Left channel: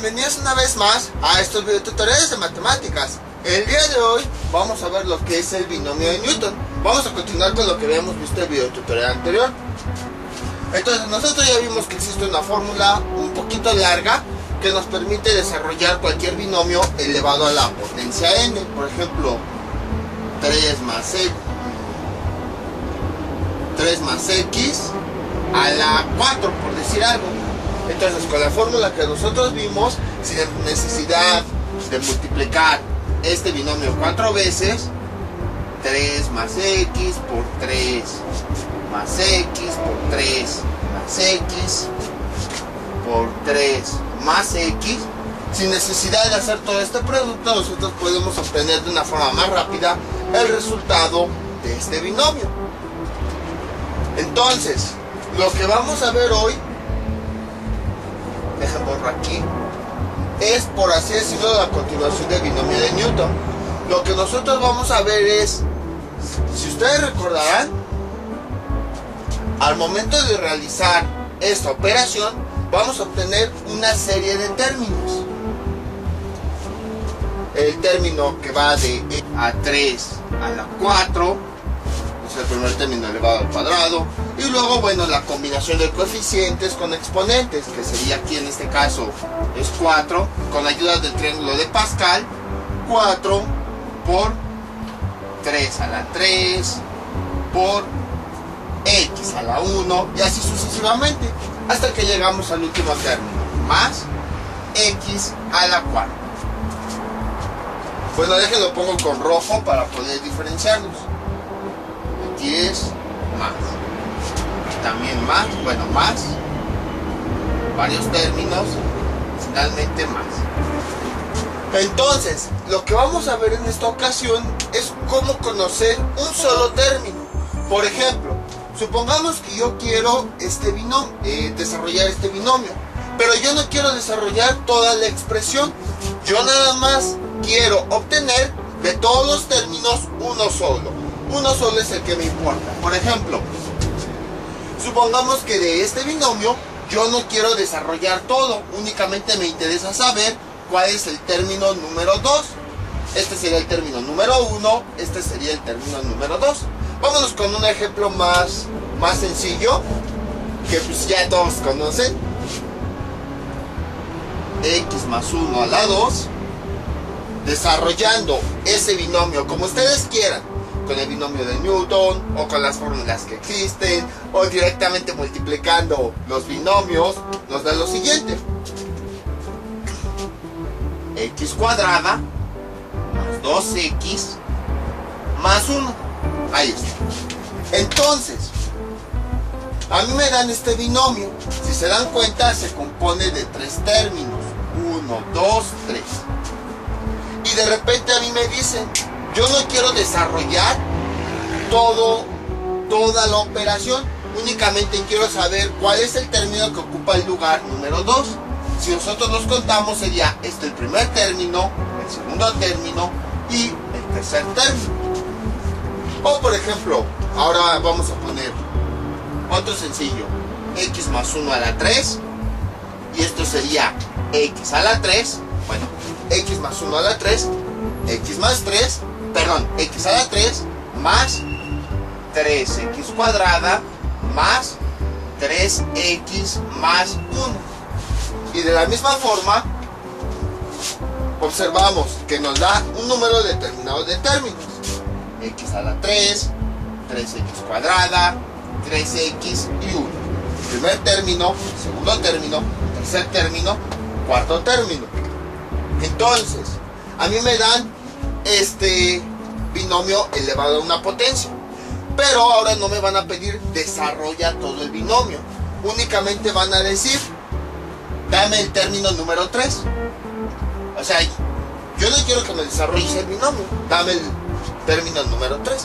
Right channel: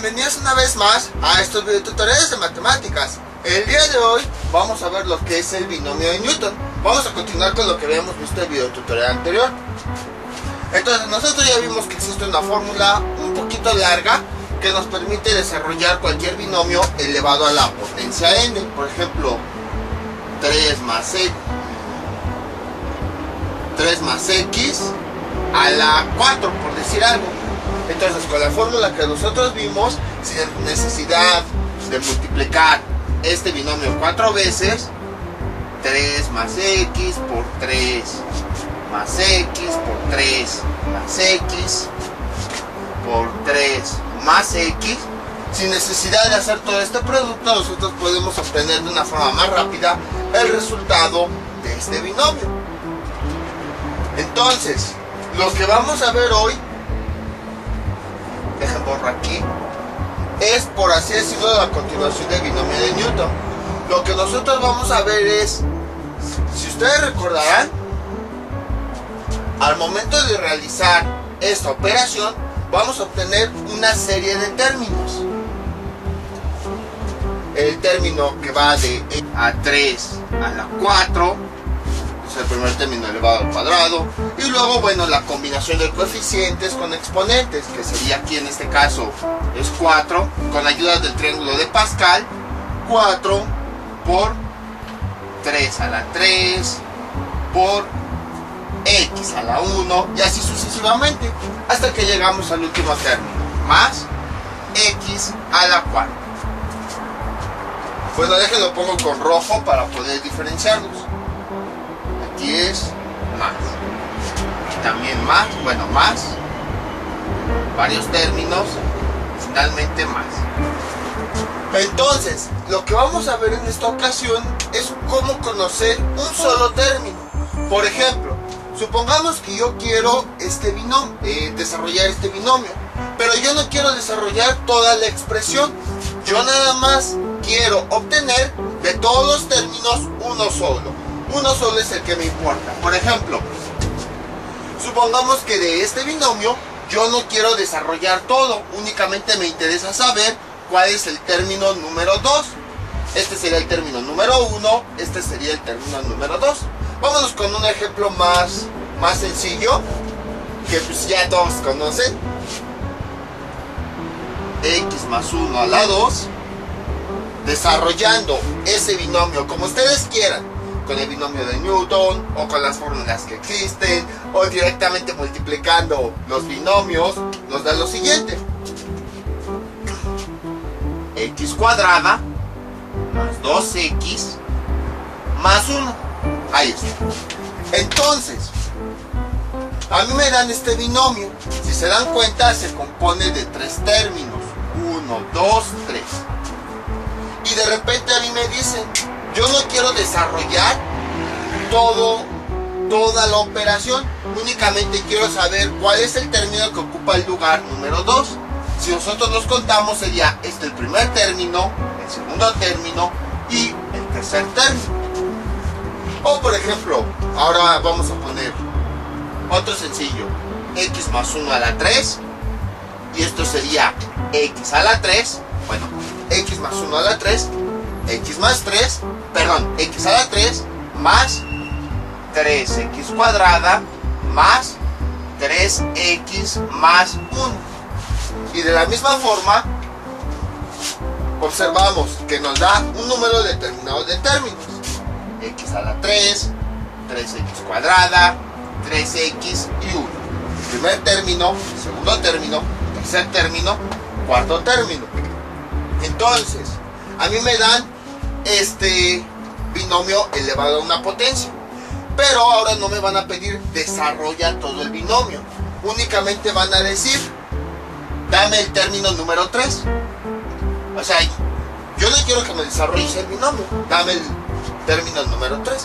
bienvenidos una vez más a estos videotutoriales de matemáticas. El día de hoy vamos a ver lo que es el binomio de Newton. Vamos a continuar con lo que habíamos visto en el videotutorial anterior. Entonces nosotros ya vimos que existe una fórmula un poquito larga que nos permite desarrollar cualquier binomio elevado a la potencia n. Por ejemplo, 3 más x a la 4, por decir algo. Entonces, con la fórmula que nosotros vimos, sin necesidad de multiplicar este binomio 4 veces, 3 más x por 3 más x por 3 más x por 3 más x, sin necesidad de hacer todo este producto, nosotros podemos obtener de una forma más rápida el resultado de este binomio. Entonces, lo que vamos a ver hoy, dejen borrar aquí, es, por así decirlo, la continuación del binomio de Newton. Lo que nosotros vamos a ver es, si ustedes recordarán, al momento de realizar esta operación vamos a obtener una serie de términos. El término que va de a 3 a la 4 es el primer término elevado al cuadrado, y luego, bueno, la combinación de coeficientes con exponentes, que sería aquí en este caso es 4, con la ayuda del triángulo de Pascal, 4 por 3 a la 3 por x a la 1, y así sucesivamente, hasta que llegamos al último término, más x a la 4. Bueno, déjenlo pongo con rojo para poder diferenciarlos. Aquí es más, también más, bueno, más, varios términos, finalmente más. Entonces, lo que vamos a ver en esta ocasión es cómo conocer un solo término. Por ejemplo, supongamos que yo quiero desarrollar este binomio, pero yo no quiero desarrollar toda la expresión. Yo nada más quiero obtener de todos los términos uno solo. Uno solo es el que me importa. Por ejemplo, supongamos que de este binomio yo no quiero desarrollar todo, únicamente me interesa saber cuál es el término número 2. Este sería el término número 1, este sería el término número 2. Vámonos con un ejemplo más sencillo, que pues ya todos conocen. X más 1 a la 2. Desarrollando ese binomio como ustedes quieran, con el binomio de Newton, o con las fórmulas que existen, o directamente multiplicando los binomios, nos da lo siguiente: x cuadrada más 2x más 1. Ahí está. Entonces, a mí me dan este binomio. Si se dan cuenta, se compone de 3 términos: 1, 2, 3. Y de repente a mí me dicen, yo no quiero desarrollar toda la operación, únicamente quiero saber cuál es el término que ocupa el lugar número 2. Si nosotros los contamos, sería este el primer término, el segundo término y el tercer término. O por ejemplo, ahora vamos a poner otro sencillo: x más 1 a la 3, y esto sería x a la 3, bueno, x más 1 a la 3, x más 3, perdón, x a la 3 más 3x cuadrada más 3x más 1. Y de la misma forma, observamos que nos da un número determinado de términos: x a la 3, 3x cuadrada, 3x y 1. Primer término, segundo término, tercer término, cuarto término. Entonces, a mí me dan este binomio elevado a una potencia, pero ahora no me van a pedir desarrolla todo el binomio, únicamente van a decir dame el término número 3. O sea, yo no quiero que me desarrolles el binomio, dame el término número 3.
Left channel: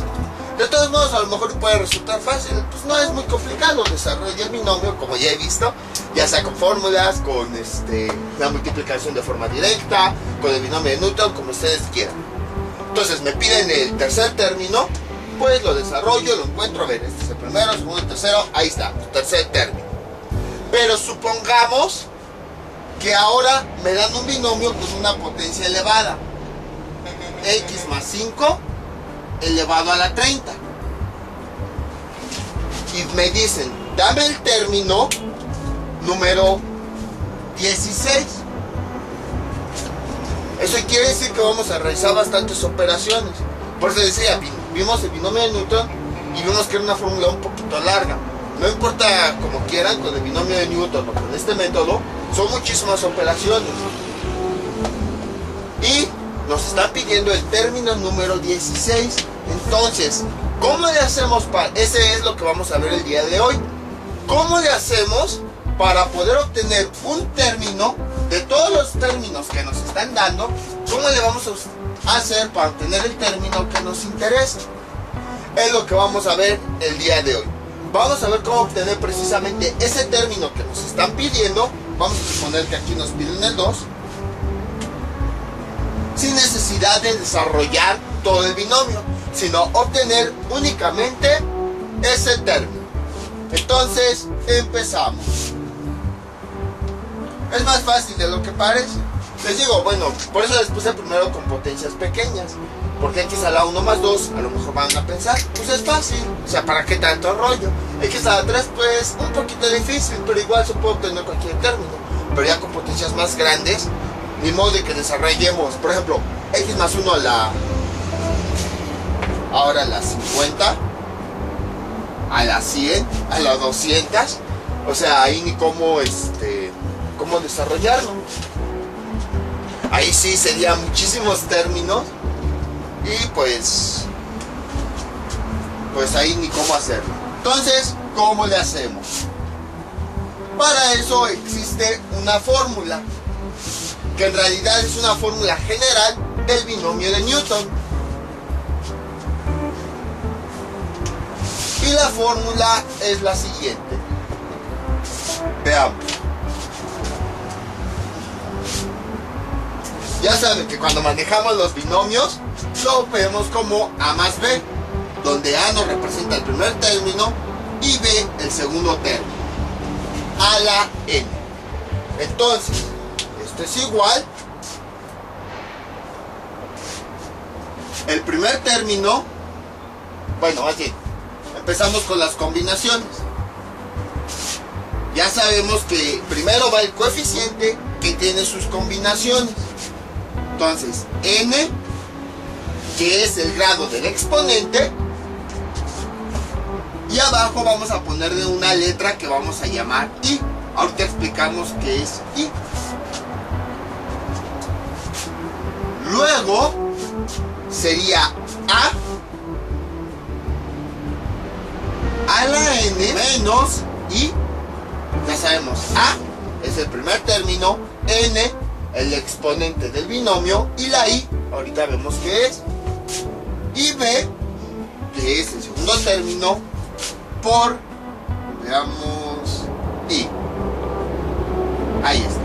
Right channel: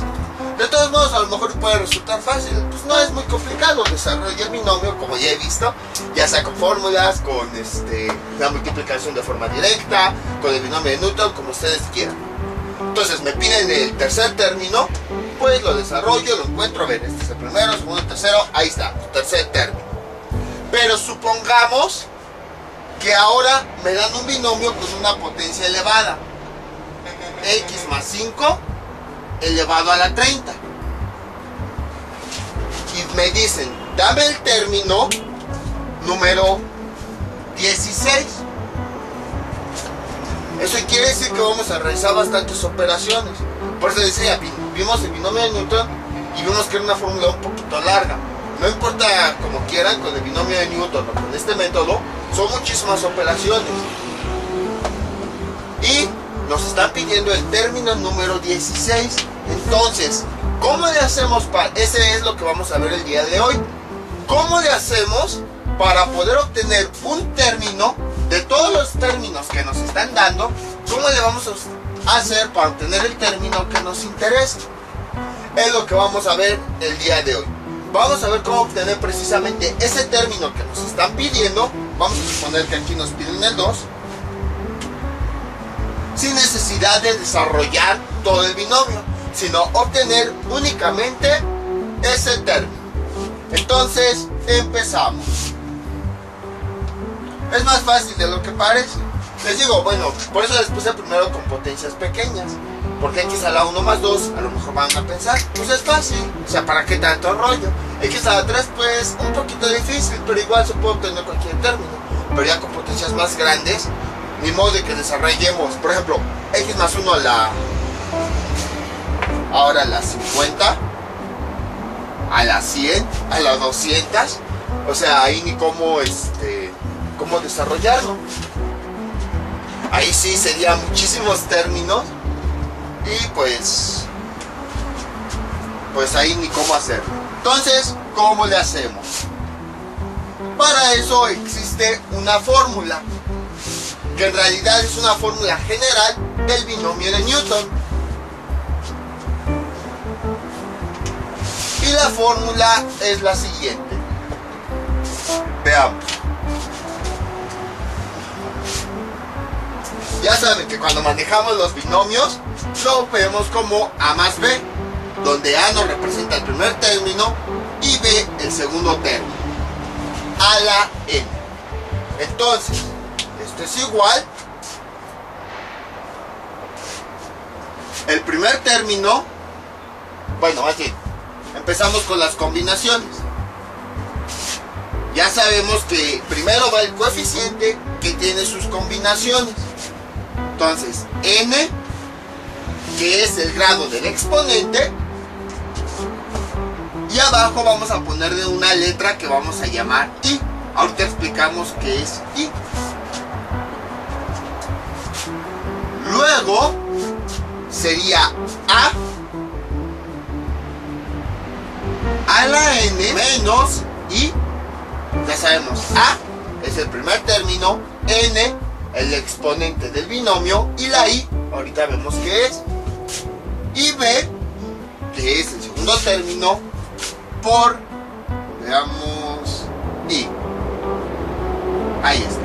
De todos modos, a lo mejor puede resultar fácil, pues no es muy complicado desarrollar el binomio, como ya he visto, ya sea con fórmulas, con la multiplicación de forma directa, con el binomio de Newton, como ustedes quieran. Entonces me piden el tercer término, pues lo desarrollo, lo encuentro. A ver, este es el primero, segundo, tercero, ahí está, tercer término. Pero supongamos que ahora me dan un binomio con una potencia elevada. X más 5 elevado a la 30. Y me dicen, dame el término número 16. Eso quiere decir que vamos a realizar bastantes operaciones. Por eso decía, vimos el binomio de Newton y vimos que era una fórmula un poquito larga. No importa como quieran, con el binomio de Newton o con este método, son muchísimas operaciones. Y nos están pidiendo el término número 16. Entonces, ¿cómo le hacemos para...? Ese es lo que vamos a ver el día de hoy. ¿Cómo le hacemos para poder obtener un término de todos los términos que nos están dando? ¿Cómo le vamos a hacer para obtener el término que nos interesa? Es lo que vamos a ver el día de hoy. Vamos a ver cómo obtener precisamente ese término que nos están pidiendo. Vamos a suponer que aquí nos piden el 2. Sin necesidad de desarrollar todo el binomio, sino obtener únicamente ese término. Entonces, empezamos. Es más fácil de lo que parece. Les digo, bueno, por eso les puse primero con potencias pequeñas. Porque X a la 1 más 2, a lo mejor van a pensar, pues es fácil. O sea, ¿para qué tanto rollo? X a la 3, pues un poquito difícil, pero igual se puede obtener cualquier término. Pero ya con potencias más grandes, ni modo de que desarrollemos, por ejemplo, X más 1 a la... ahora a la 50, a la 100, a la 200. O sea, ahí ni cómo, cómo desarrollarlo. Ahí sí serían muchísimos términos. Y pues ahí ni cómo hacerlo. Entonces, ¿cómo le hacemos? Para eso existe una fórmula, que en realidad es una fórmula general del binomio de Newton. Y la fórmula es la siguiente. Veamos. Ya saben que cuando manejamos los binomios lo vemos como A más B, donde A nos representa el primer término y B el segundo término, a la n. Entonces, esto es igual. El primer término, bueno, más bien, empezamos con las combinaciones. Ya sabemos que primero va el coeficiente que tiene sus combinaciones. Entonces, n, que es el grado del exponente, y abajo vamos a ponerle una letra que vamos a llamar i. Ahorita explicamos qué es i. Luego sería a la n menos i. Ya sabemos, a es el primer término, n el exponente del binomio, y la i, ahorita vemos qué es, y b, que es el segundo término, por, veamos, i. Ahí está.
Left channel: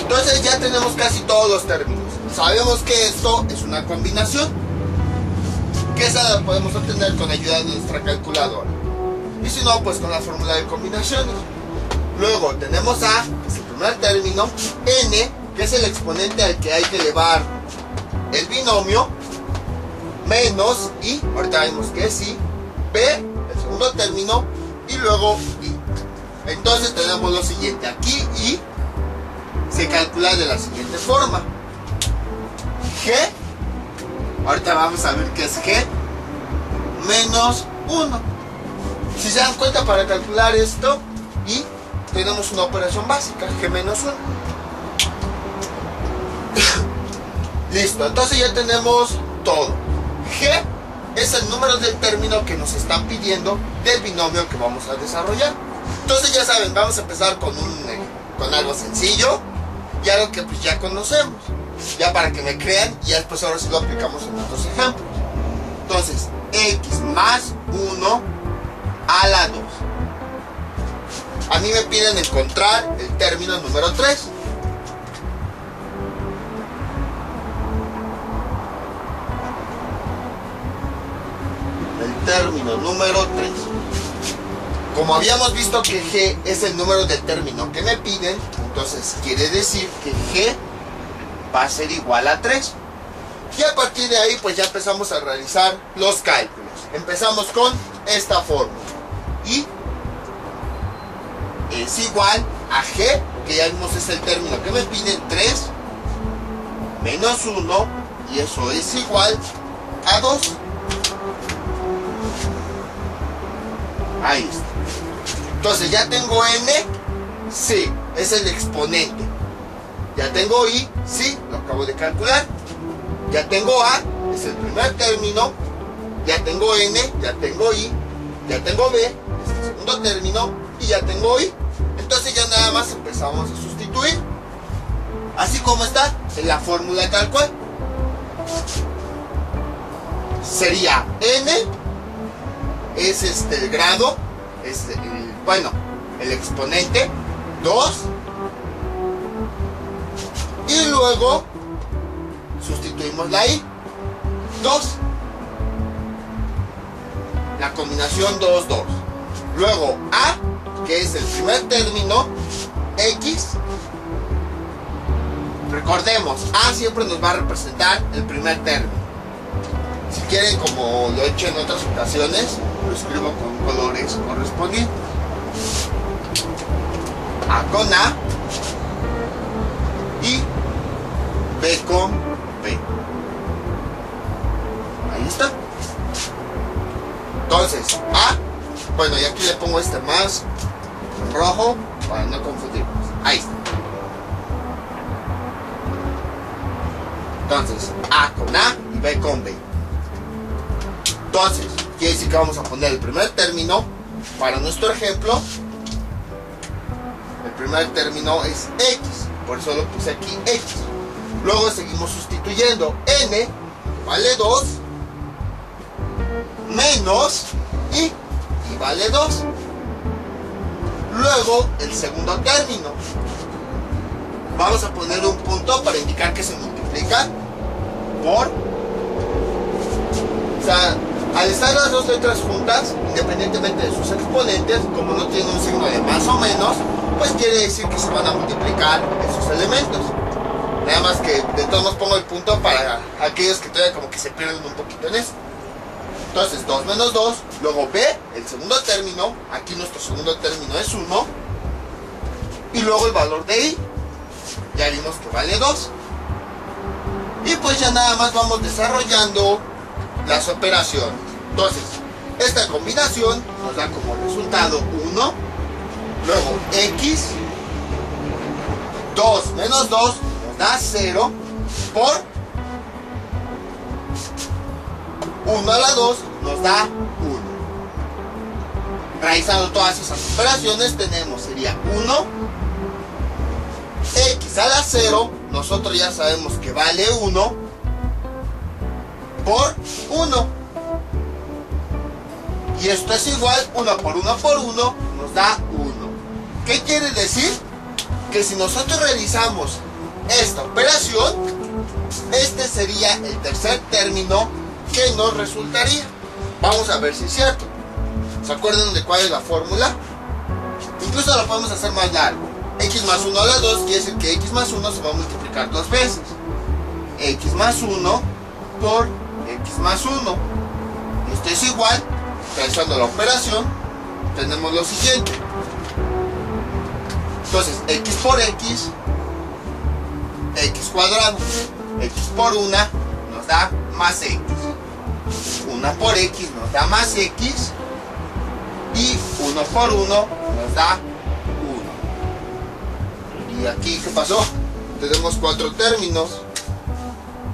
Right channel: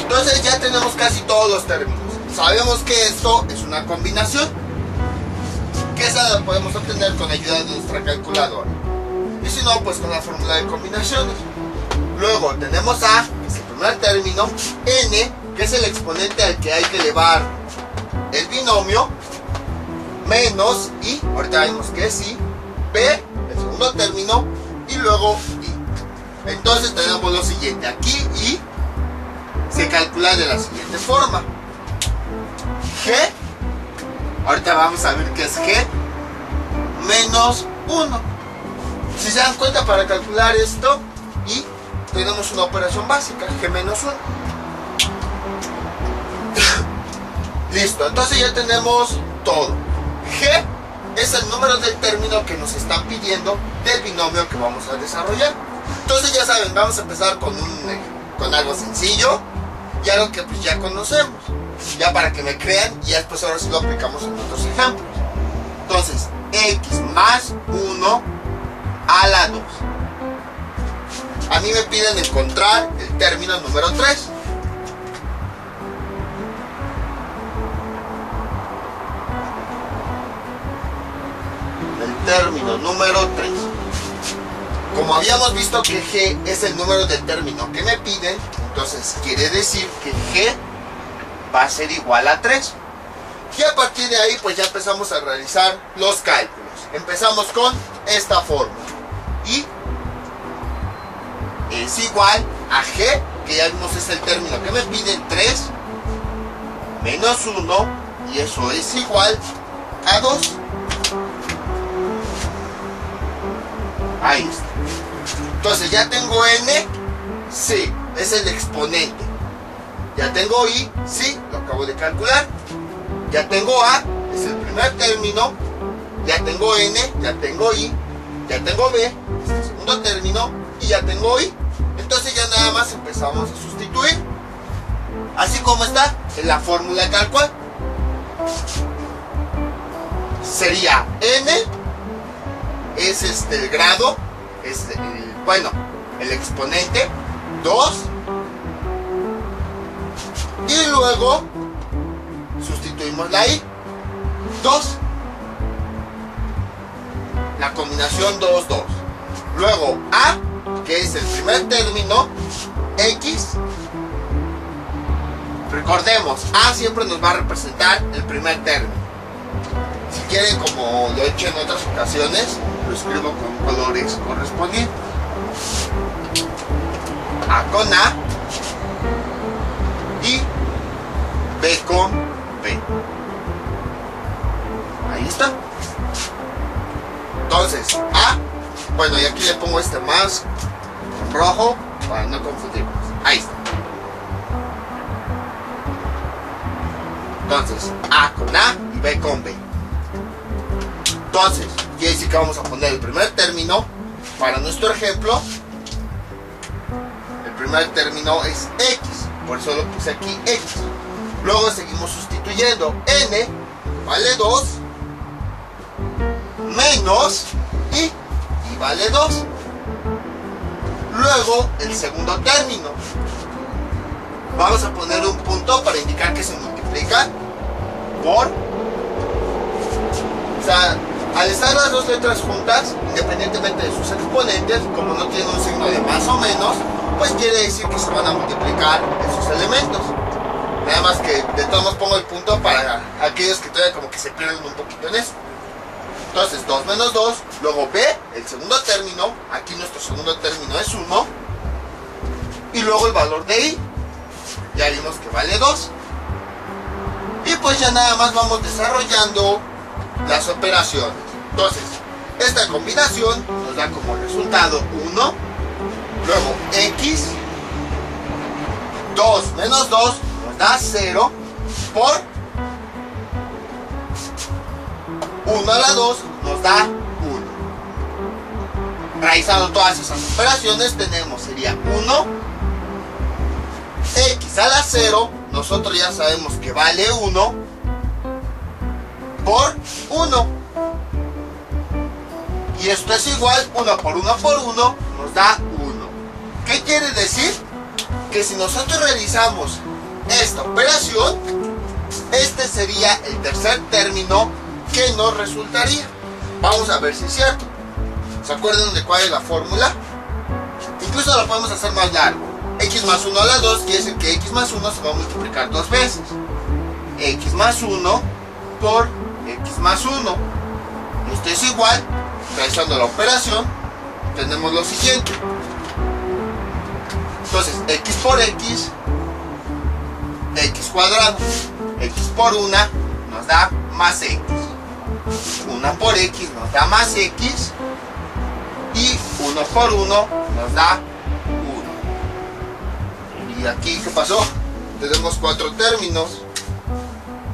Entonces ya tenemos casi todos los términos. Sabemos que esto es una combinación, que esa la podemos obtener con ayuda de nuestra calculadora. Y si no, pues con la fórmula de combinaciones. Luego tenemos a, que es el primer término, n, que es el exponente al que hay que elevar el binomio, menos i, ahorita vemos que es i, b, el segundo término, y luego i. Entonces tenemos lo siguiente, aquí i se calcula de la siguiente forma. G, ahorita vamos a ver qué es G, menos 1. Si se dan cuenta, para calcular esto, y tenemos una operación básica, G menos 1. Listo, entonces ya tenemos todo. G es el número del término que nos están pidiendo del binomio que vamos a desarrollar. Entonces ya saben, vamos a empezar con algo sencillo y algo que pues ya conocemos, ya para que me crean, y después ahora sí lo aplicamos en otros ejemplos. Entonces, x más 1 a la 2. A mí me piden encontrar el término número 3. El término número 3. Como habíamos visto que G es el número de término que me piden, entonces quiere decir que G va a ser igual a 3. Y a partir de ahí pues ya empezamos a realizar los cálculos. Empezamos con esta fórmula. Y es igual a G, que ya vimos es el término que me piden, 3 menos 1, y eso es igual a 2. Ahí está. Entonces ya tengo N, sí, es el exponente. Ya tengo I, sí, lo acabo de calcular. Ya tengo A, es el primer término. Ya tengo N, ya tengo I. Ya tengo B, es el segundo término. Y ya tengo I. Entonces ya nada más empezamos a sustituir. Así como está en la fórmula tal cual. Sería N, es el grado, es el exponente, 2. Y luego sustituimos la I, 2. La combinación 2, 2. Luego A, que es el primer término, X. Recordemos, A siempre nos va a representar el primer término. Si quieren, como lo he hecho en otras ocasiones, lo escribo con colores correspondientes. A con A y B con B. Ahí está. Entonces, A, y aquí le pongo más rojo para no confundirnos. Ahí está. Entonces, A con A y B con B. Entonces, quiere decir que vamos a poner el primer término para nuestro ejemplo. El primer término es X, por eso lo puse aquí X. Luego seguimos sustituyendo N, vale 2, menos I vale 2. Luego el segundo término. Vamos a poner un punto para indicar que se multiplica por. O sea, al estar las dos letras juntas, independientemente de sus exponentes, como no tienen un signo de más o menos, pues quiere decir que se van a multiplicar esos elementos. Nada más que de todos modos pongo el punto para aquellos que todavía como que se pierden un poquito en eso. Entonces 2 menos 2, luego B, el segundo término, aquí nuestro segundo término es 1, y luego el valor de I, ya vimos que vale 2. Y pues ya nada más vamos desarrollando las operaciones. Entonces, esta combinación nos da como resultado 1, luego X, 2 menos 2 nos da 0, por 1 a la 2 nos da 1. Realizando todas esas operaciones tenemos, sería 1, X a la 0, nosotros ya sabemos que vale 1, por 1. Y esto es igual, 1 por 1 por 1 nos da 1. ¿Qué quiere decir? Que si nosotros realizamos esta operación, este sería el tercer término que nos resultaría. Vamos a ver si es cierto. ¿Se acuerdan de cuál es la fórmula? Incluso lo podemos hacer más largo. X más 1 a la 2 quiere decir que X más 1 se va a multiplicar 2 veces. X más 1 por X más 1. Esto es igual, realizando la operación, tenemos lo siguiente. Entonces, X por X, X cuadrado. X por 1 nos da más X. 1 por X nos da más X. Y 1 por 1 nos da 1. Y aquí, ¿qué pasó? Tenemos 4 términos.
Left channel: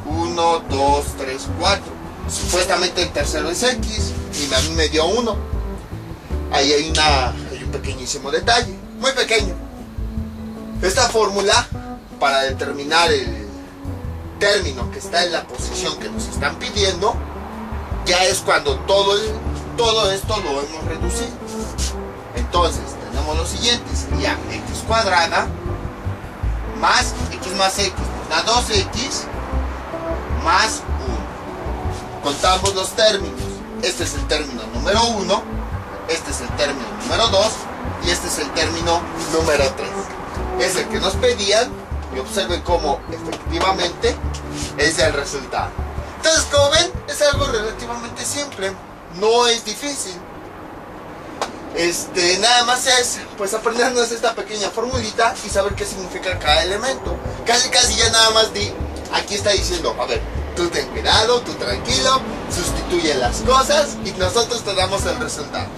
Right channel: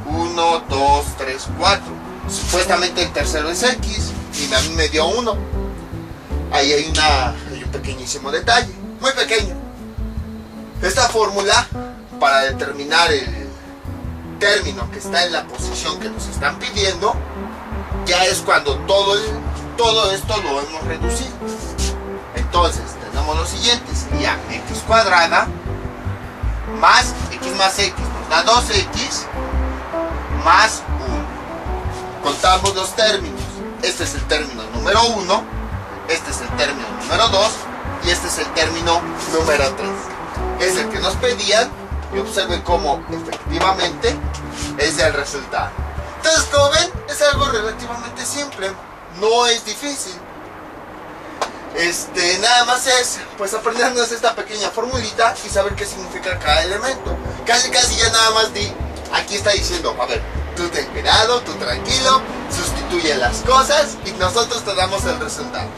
1, 2, 3, 4. Supuestamente el tercero es X y a mí me dio 1. Ahí hay un pequeñísimo detalle, muy pequeño. Esta fórmula, para determinar el término que está en la posición que nos están pidiendo, ya es cuando todo esto lo hemos reducido. Entonces tenemos lo siguiente, sería X cuadrada más X nos da 2X más 1. Contamos los términos. Este es el término número 1, este es el término número 2 y este es el término número 3. Es el que nos pedían y observen cómo efectivamente es el resultado. Entonces, como ven, es algo relativamente simple, no es difícil. Nada más es pues aprendernos esta pequeña formulita y saber qué significa cada elemento. Casi ya nada más aquí está diciendo, a ver, tú ten cuidado, tú tranquilo, sustituye las cosas y nosotros te damos el resultado.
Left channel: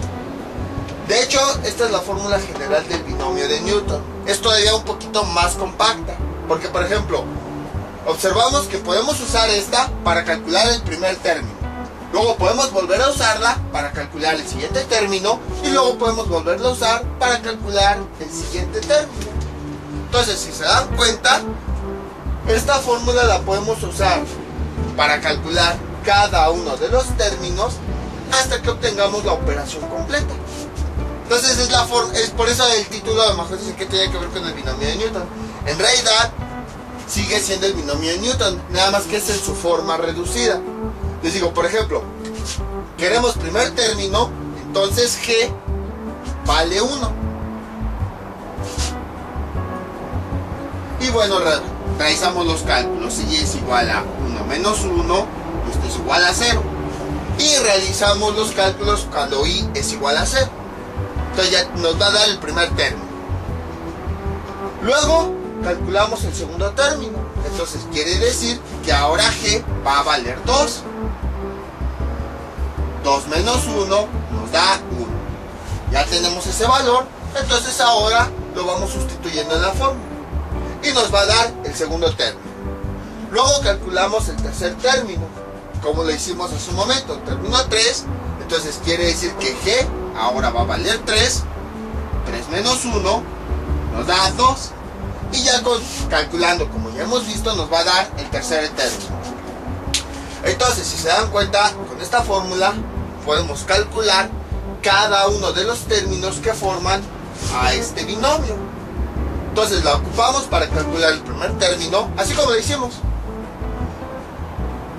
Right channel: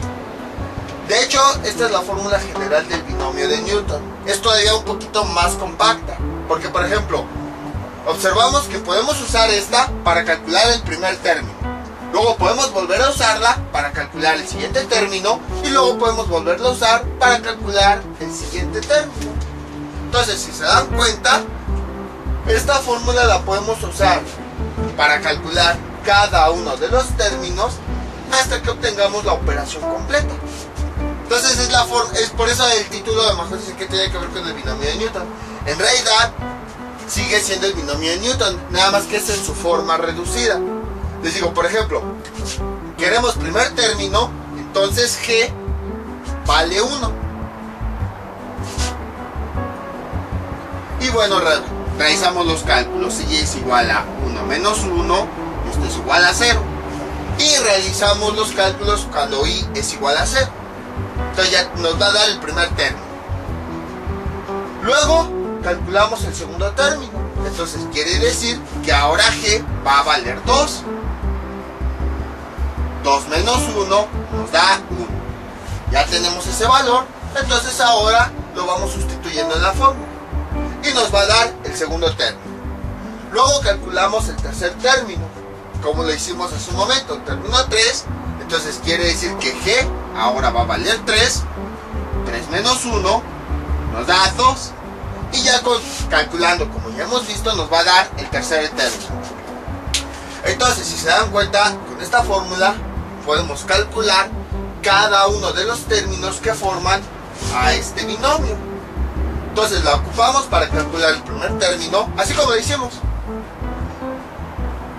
De hecho, esta es la fórmula general del binomio de Newton. Es todavía un poquito más compacta, porque por ejemplo, observamos que podemos usar esta para calcular el primer término. Luego podemos volver a usarla para calcular el siguiente término y luego podemos volverla a usar para calcular el siguiente término. Entonces, si se dan cuenta, esta fórmula la podemos usar para calcular cada uno de los términos hasta que obtengamos la operación completa. Entonces es por eso el título de mejor dice que tiene que ver con el binomio de Newton. En realidad sigue siendo el binomio de Newton, nada más que es en su forma reducida. Les digo, por ejemplo, queremos primer término, entonces G vale 1. Y bueno, realizamos los cálculos. Y es igual a 1 menos 1, esto es igual a 0. Y realizamos los cálculos cuando I es igual a 0. Entonces ya nos va a dar el primer término. Luego calculamos el segundo término. Entonces quiere decir que ahora G va a valer 2. 2 menos 1 nos da 1. Ya tenemos ese valor. Entonces ahora lo vamos sustituyendo en la fórmula. Y nos va a dar el segundo término. Luego calculamos el tercer término, como lo hicimos hace un momento, término 3. Entonces quiere decir que G ahora va a valer 3. 3 menos 1 nos da 2. Y ya calculando, como ya hemos visto, nos va a dar el tercer término. Entonces, si se dan cuenta, con esta fórmula podemos calcular cada uno de los términos que forman a este binomio. Entonces la ocupamos para calcular el primer término, así como lo hicimos.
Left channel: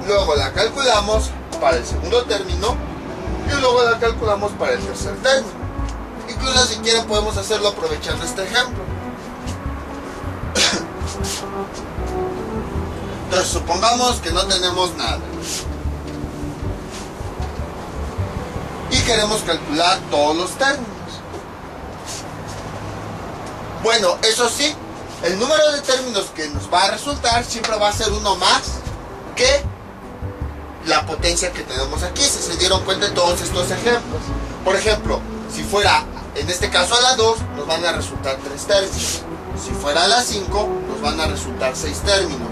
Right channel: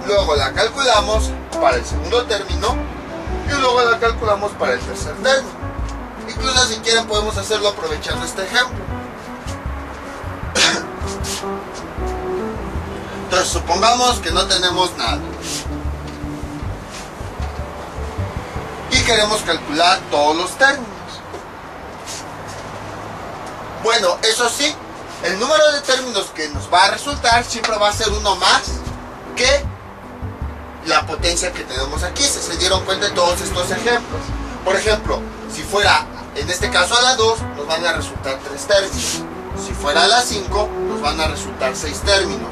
Luego la calculamos para el segundo término y luego la calculamos para el tercer término. Incluso si quieren podemos hacerlo aprovechando este ejemplo. Entonces supongamos que no tenemos nada y queremos calcular todos los términos. Bueno, eso sí, el número de términos que nos va a resultar siempre va a ser uno más que la potencia que tenemos aquí. Si se dieron cuenta de todos estos ejemplos. Por ejemplo, si fuera en este caso a la 2, nos van a resultar 3 términos. Si fuera a la 5, nos van a resultar 6 términos.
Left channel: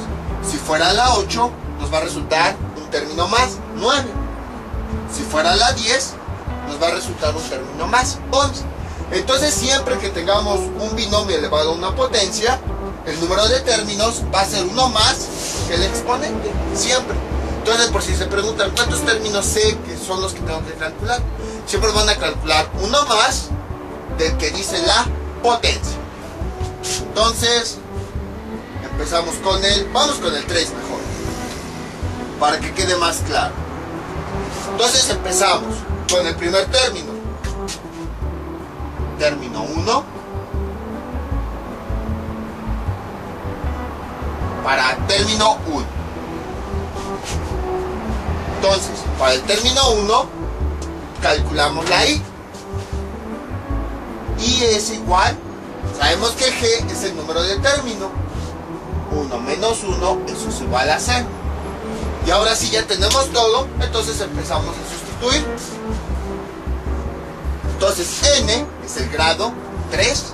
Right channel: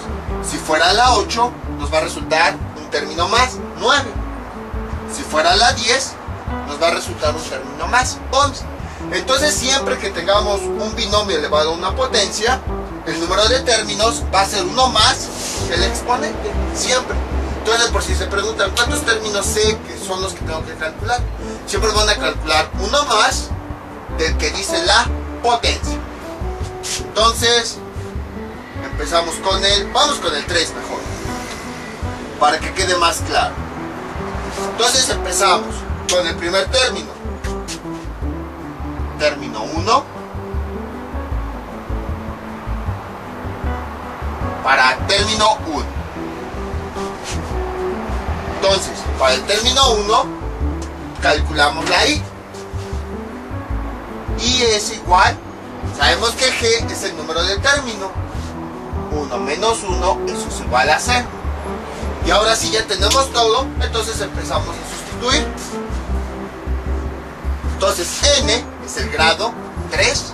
Si fuera a la 8, nos va a resultar un término más, 9. Si fuera a la 10, nos va a resultar un término más, 11. Entonces siempre que tengamos un binomio elevado a una potencia, el número de términos va a ser uno más que el exponente, siempre. Entonces, por si se preguntan cuántos términos sé que son los que tengo que calcular, siempre van a calcular uno más del que dice la potencia. Entonces empezamos vamos con el 3 mejor, para que quede más claro. Entonces empezamos con el primer término. Término 1 para término 1. Entonces, para el término 1 calculamos la I. Y es igual, sabemos que G es el número de término. 1 menos 1, eso es igual a 0. Y ahora sí ya tenemos todo, entonces empezamos a sustituir. Entonces N es el grado 3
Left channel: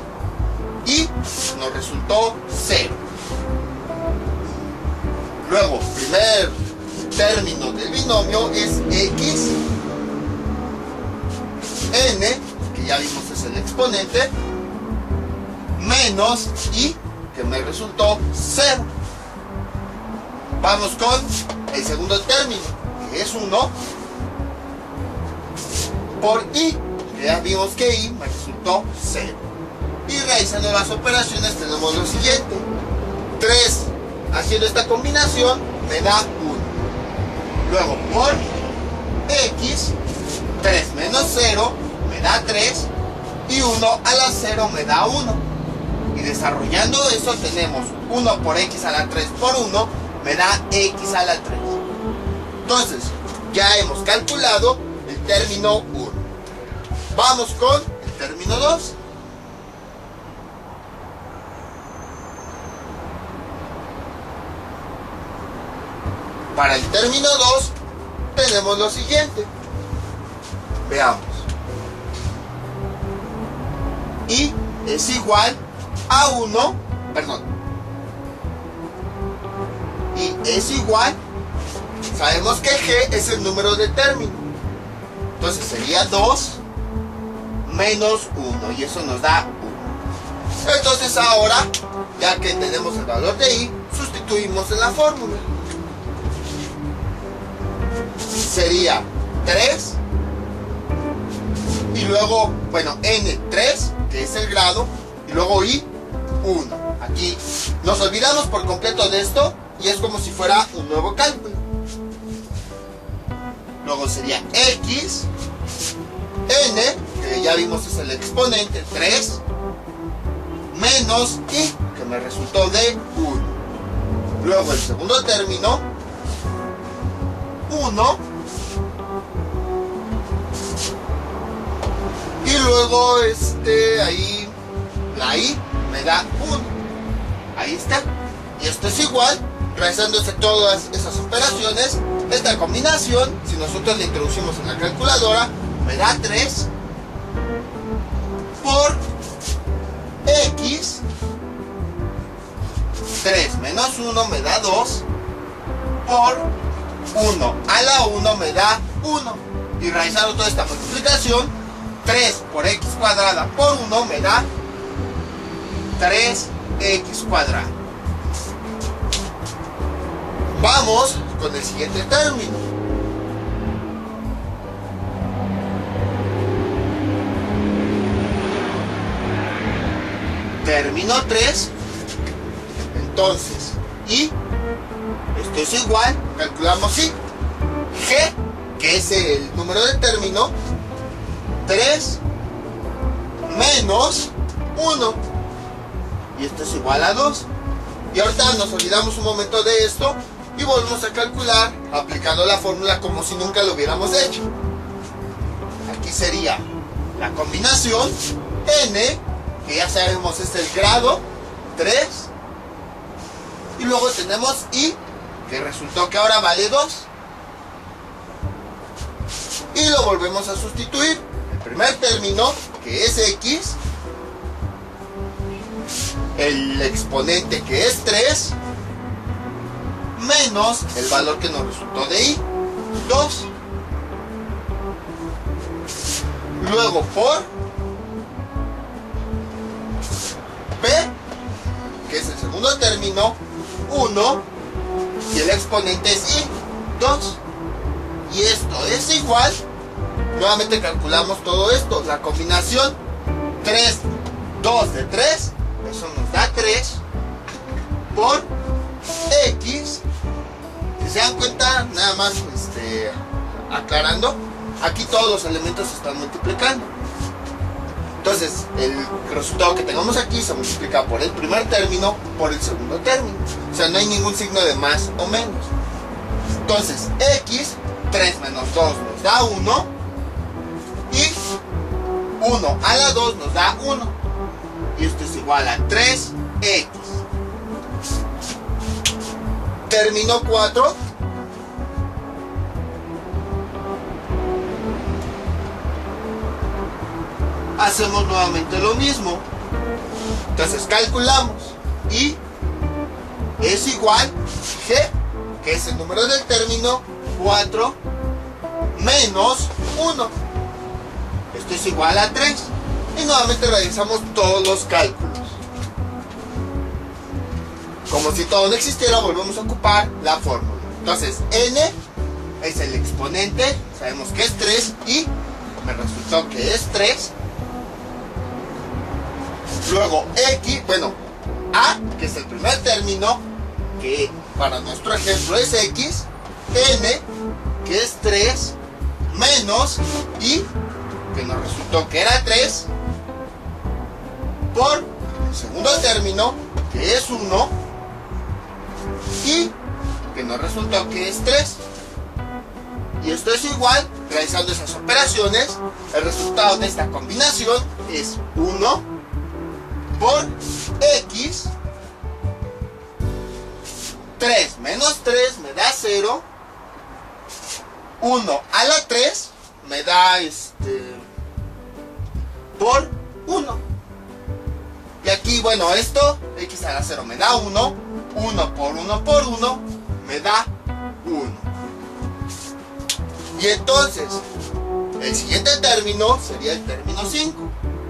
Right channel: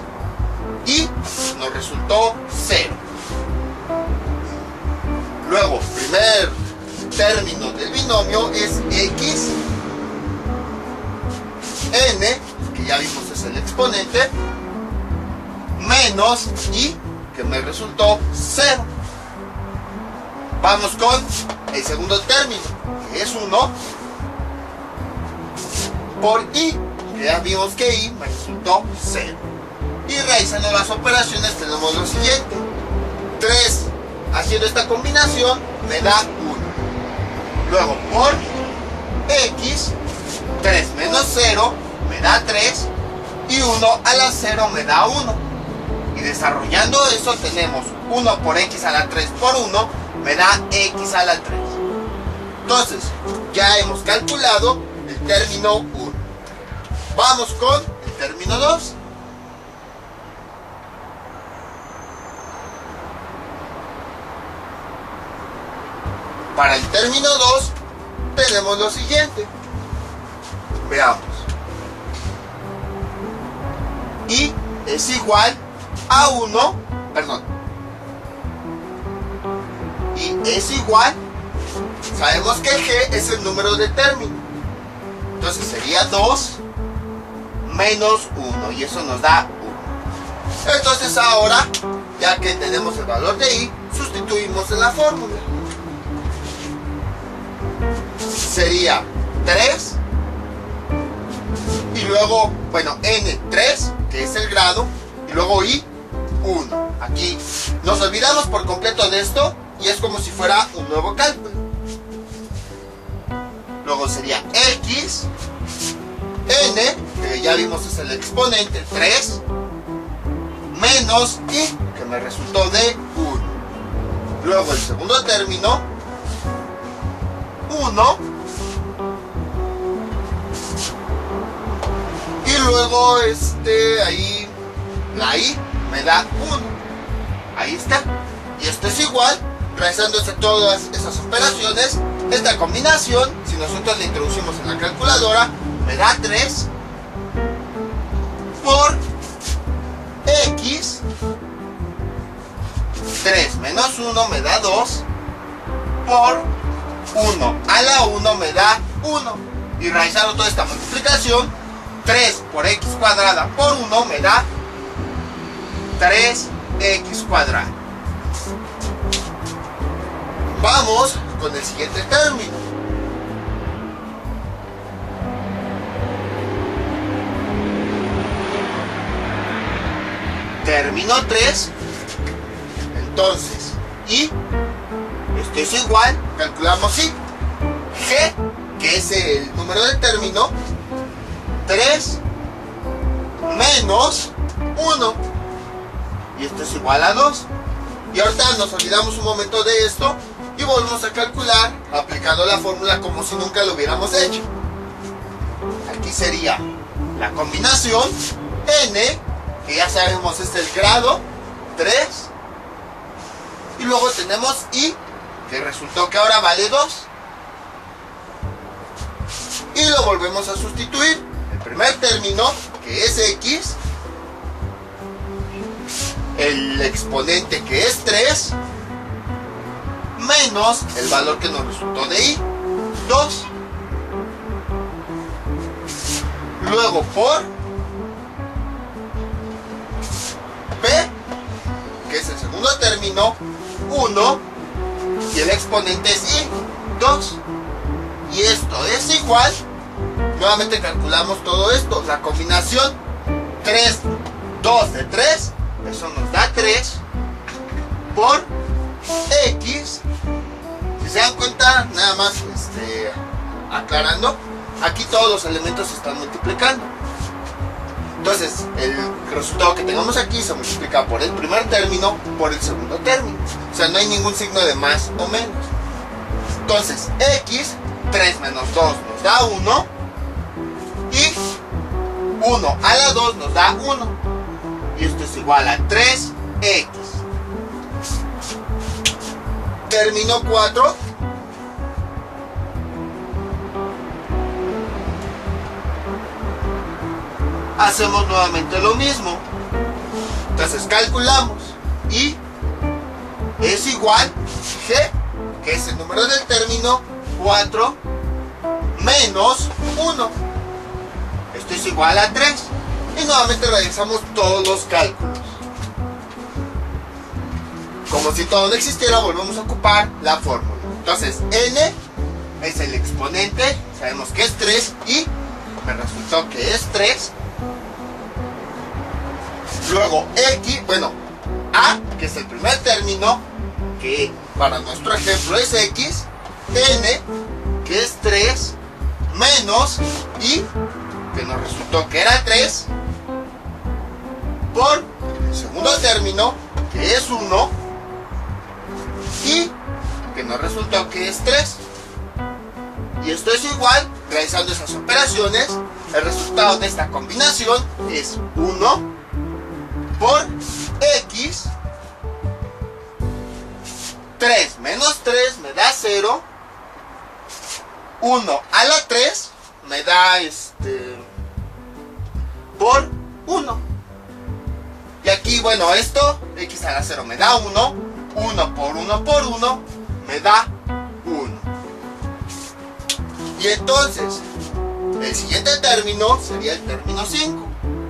y nos resultó 0. Luego, primer término del binomio es X. N, que ya vimos es el exponente, menos Y, que me resultó 0. Vamos con el segundo término, que es 1 por I, que ya vimos que I me resultó 0. Y realizando las operaciones tenemos lo siguiente. 3 haciendo esta combinación me da 1. Luego por X, 3 menos 0 me da 3 y 1 a la 0 me da 1. Y desarrollando eso tenemos 1 por x a la 3 por 1 me da x a la 3. Entonces, ya hemos calculado el término 1. Vamos con el término 2. Para el término 2 tenemos lo siguiente. Veamos. Y es igual a 1, perdón. Y es igual, sabemos que g es el número de término. Entonces sería 2 menos 1 y eso nos da 1. Entonces ahora, ya que tenemos el valor de i, sustituimos en la fórmula. Sería 3 y luego, bueno, n3, que es el grado, y luego i, 1. Aquí nos olvidamos por completo de esto y es como si fuera un nuevo cálculo. Luego sería x, n, que ya vimos es el exponente, 3, menos i, que me resultó de 1. Luego el segundo término, 1. Y luego ahí la i me da 1. Ahí está. Y esto es igual, realizándose todas esas operaciones, esta combinación, si nosotros la introducimos en la calculadora, me da 3 por x, 3 menos 1 me da 2 por 1 a la 1 me da 1. Y realizando toda esta multiplicación, 3 por x cuadrada por 1 me da 3x cuadrada. Vamos con el siguiente término. Término 3. Entonces, y esto es igual, calculamos y g, que es el número del término, 3 menos 1. Y esto es igual a 2. Y ahorita nos olvidamos un momento de esto y volvemos a calcular aplicando la fórmula como si nunca lo hubiéramos hecho. Aquí sería la combinación n, que ya sabemos es el grado, 3. Y luego tenemos i, que resultó que ahora vale 2. Y lo volvemos a sustituir. El primer término, que es x, el exponente, que es 3, menos el valor que nos resultó de i, 2. Luego por p, que es el segundo término, 1, y el exponente es i, 2. Y esto es igual, nuevamente calculamos todo esto, la combinación 3, 2 de 3, eso nos da 3 por x. Si se dan cuenta, nada más aclarando, aquí todos los elementos se están multiplicando. Entonces el resultado que tengamos aquí se multiplica por el primer término por el segundo término. O sea, no hay ningún signo de más o menos. Entonces x, 3 menos 2 nos da 1. Y 1 a la 2 nos da 1. Y esto es igual a 3x. Término 4. Hacemos nuevamente lo mismo. Entonces calculamos. Y es igual g, que es el número del término, 4 menos 1. Esto es igual a 3. Y nuevamente realizamos todos los cálculos. Como si todo no existiera, volvemos a ocupar la fórmula. Entonces, n es el exponente, sabemos que es 3 y me resultó que es 3. Luego x, bueno, a, que es el primer término, que para nuestro ejemplo es x, n, que es 3, menos y que nos resultó que era 3, por el segundo término, que es 1, y que nos resultó que es 3. Y esto es igual, realizando esas operaciones, el resultado de esta combinación es 1 por x, 3 menos 3 me da 0, 1 a la 3 me da por 1. Y aquí, bueno, esto, x a la 0 me da 1, 1 por 1 por 1 me da 1. Y entonces, el siguiente término sería el término 5.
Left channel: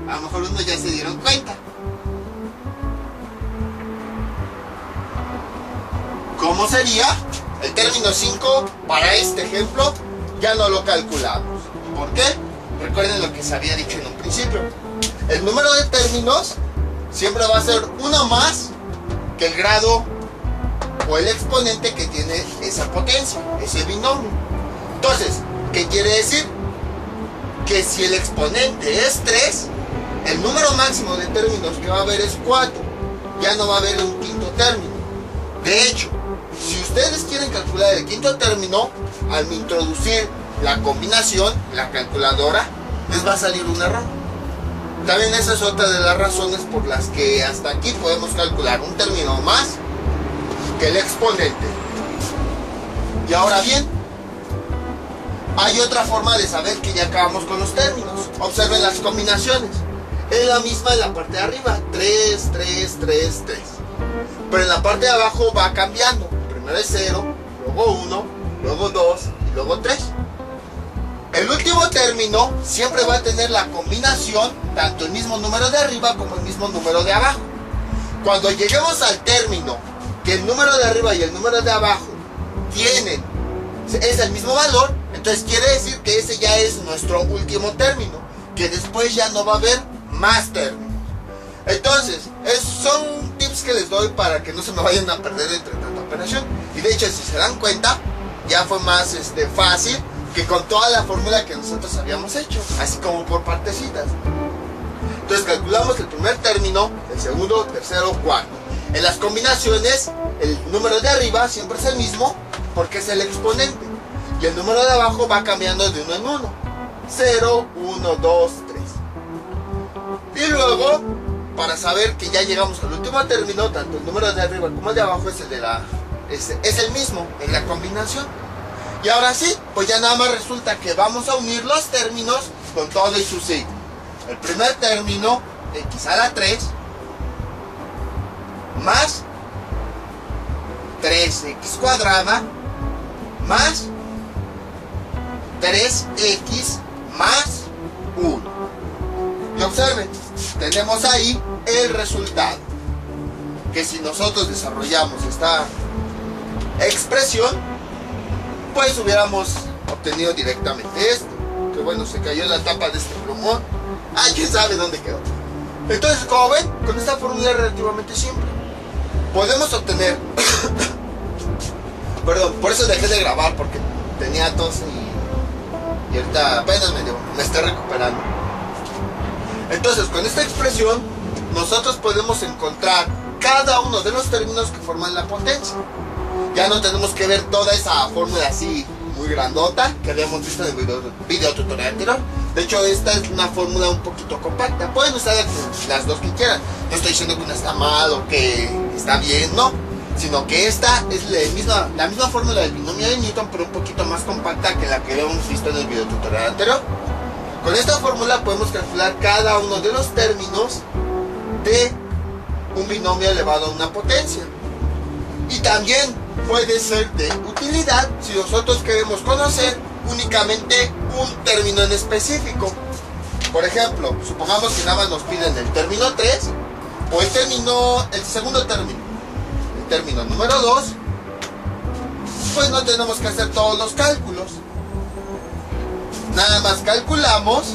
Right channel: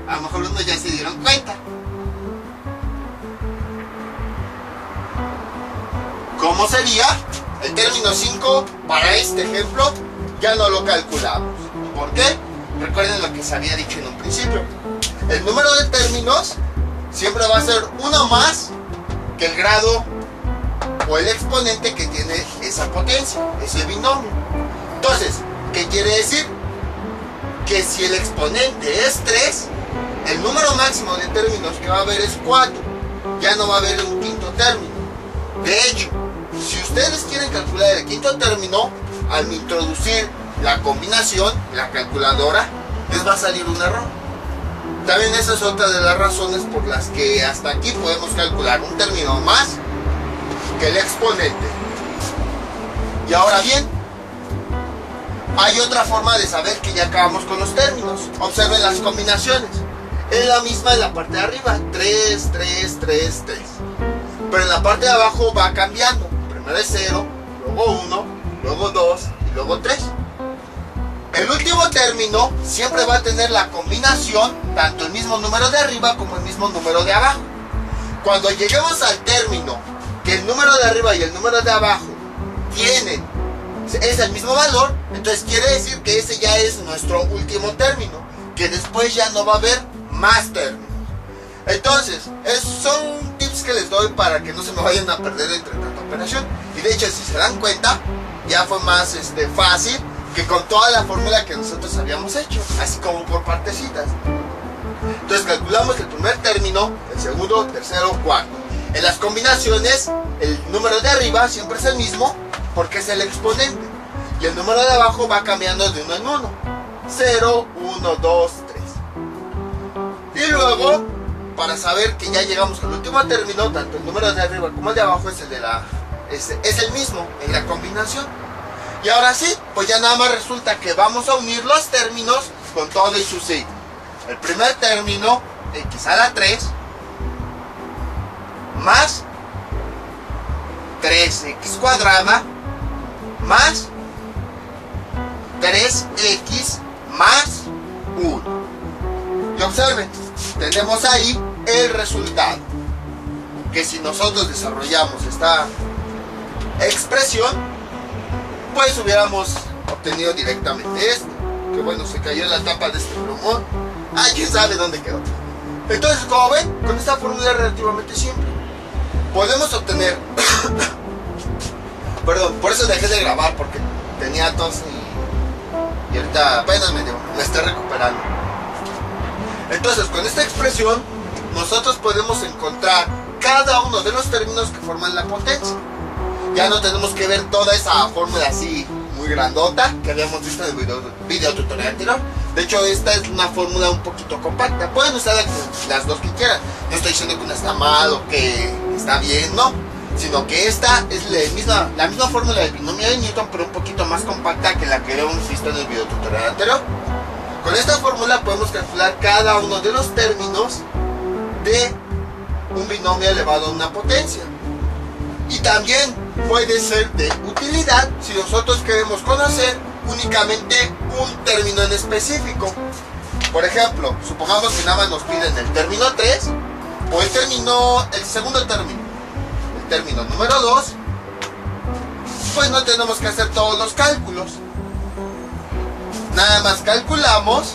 A lo mejor unos ya se dieron cuenta. ¿Cómo sería? El término 5 para este ejemplo ya no lo calculamos. ¿Por qué? Recuerden lo que se había dicho en un principio. El número de términos siempre va a ser uno más que el grado o el exponente que tiene esa potencia, ese binomio. Entonces, ¿qué quiere decir? Que si el exponente es 3, el número máximo de términos que va a haber es 4. Ya no va a haber un quinto término. De hecho, si ustedes quieren calcular el quinto término, al introducir la combinación, la calculadora, les va a salir un error. También esa es otra de las razones por las que hasta aquí podemos calcular un término más que el exponente. Y ahora bien, hay otra forma de saber que ya acabamos con los términos. Observen las combinaciones. Es la misma en la parte de arriba. 3, 3, 3, 3. Pero en la parte de abajo va cambiando. Primero es 0, luego 1, luego 2 y luego 3. El último término siempre va a tener la combinación, tanto el mismo número de arriba como el mismo número de abajo. Cuando lleguemos al término que el número de arriba y el número de abajo es el mismo valor, entonces quiere decir que ese ya es nuestro último término, que después ya no va a haber más términos. Entonces, son tips que les doy para que no se me vayan a perder entre tanta operación. Y de hecho, si se dan cuenta, ya fue más fácil que con toda la fórmula que nosotros habíamos hecho, así como por partecitas. Entonces calculamos el primer término, el segundo, tercero, cuarto. En las combinaciones, el número de arriba siempre es el mismo, porque es el exponente. Y el número de abajo va cambiando de uno en uno. 0, 1, 2, 3. Y luego, para saber que ya llegamos al último término, tanto el número de arriba como el de abajo es el mismo en la combinación. Y ahora sí, pues ya nada más resulta que vamos a unir los términos con todo y su signo. El primer término, x a la 3, más 3x cuadrada, más 3x más 1. Y observen, tenemos ahí el resultado. Que si nosotros desarrollamos esta expresión, pues hubiéramos obtenido directamente esto. Que bueno, se cayó en la tapa de este plumón. Ah, quién sabe dónde quedó. Entonces, como ven, con esta fórmula es relativamente simple. Podemos obtener perdón, por eso dejé de grabar, porque tenía tos y ahorita apenas me estoy recuperando. Entonces, con esta expresión nosotros podemos encontrar cada uno de los términos que forman la potencia. Ya no tenemos que ver toda esa fórmula así muy grandota que habíamos visto en el video tutorial anterior. De hecho, esta es una fórmula un poquito compacta. Pueden usar las dos que quieran. No estoy diciendo que una está mal o que está bien, no. Sino que esta es la misma fórmula del binomio de Newton, pero un poquito más compacta que la que habíamos visto en el video tutorial anterior. Con esta fórmula podemos calcular cada uno de los términos de un binomio elevado a una potencia. Y también puede ser de utilidad si nosotros queremos conocer únicamente un término en específico. Por ejemplo, supongamos que nada más nos piden el término 3 o el segundo término, el término número 2, pues no tenemos que hacer todos los cálculos. Nada más calculamos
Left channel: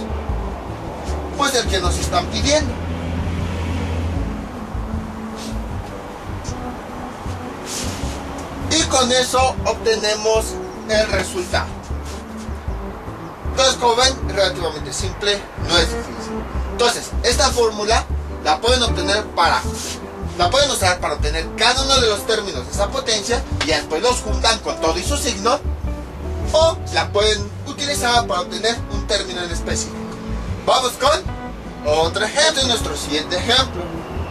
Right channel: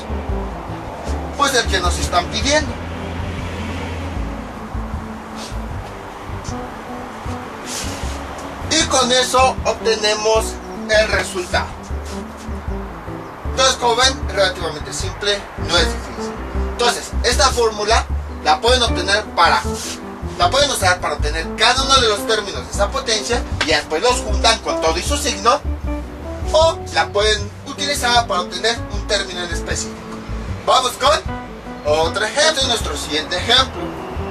pues el que nos están pidiendo. Y con eso obtenemos el resultado. Entonces, como ven, es relativamente simple, no es difícil. Entonces, esta fórmula la pueden usar para obtener cada uno de los términos de esa potencia y después los juntan con todo y su signo, o la pueden utilizar para obtener un término en específico. Vamos con otro ejemplo, nuestro siguiente ejemplo.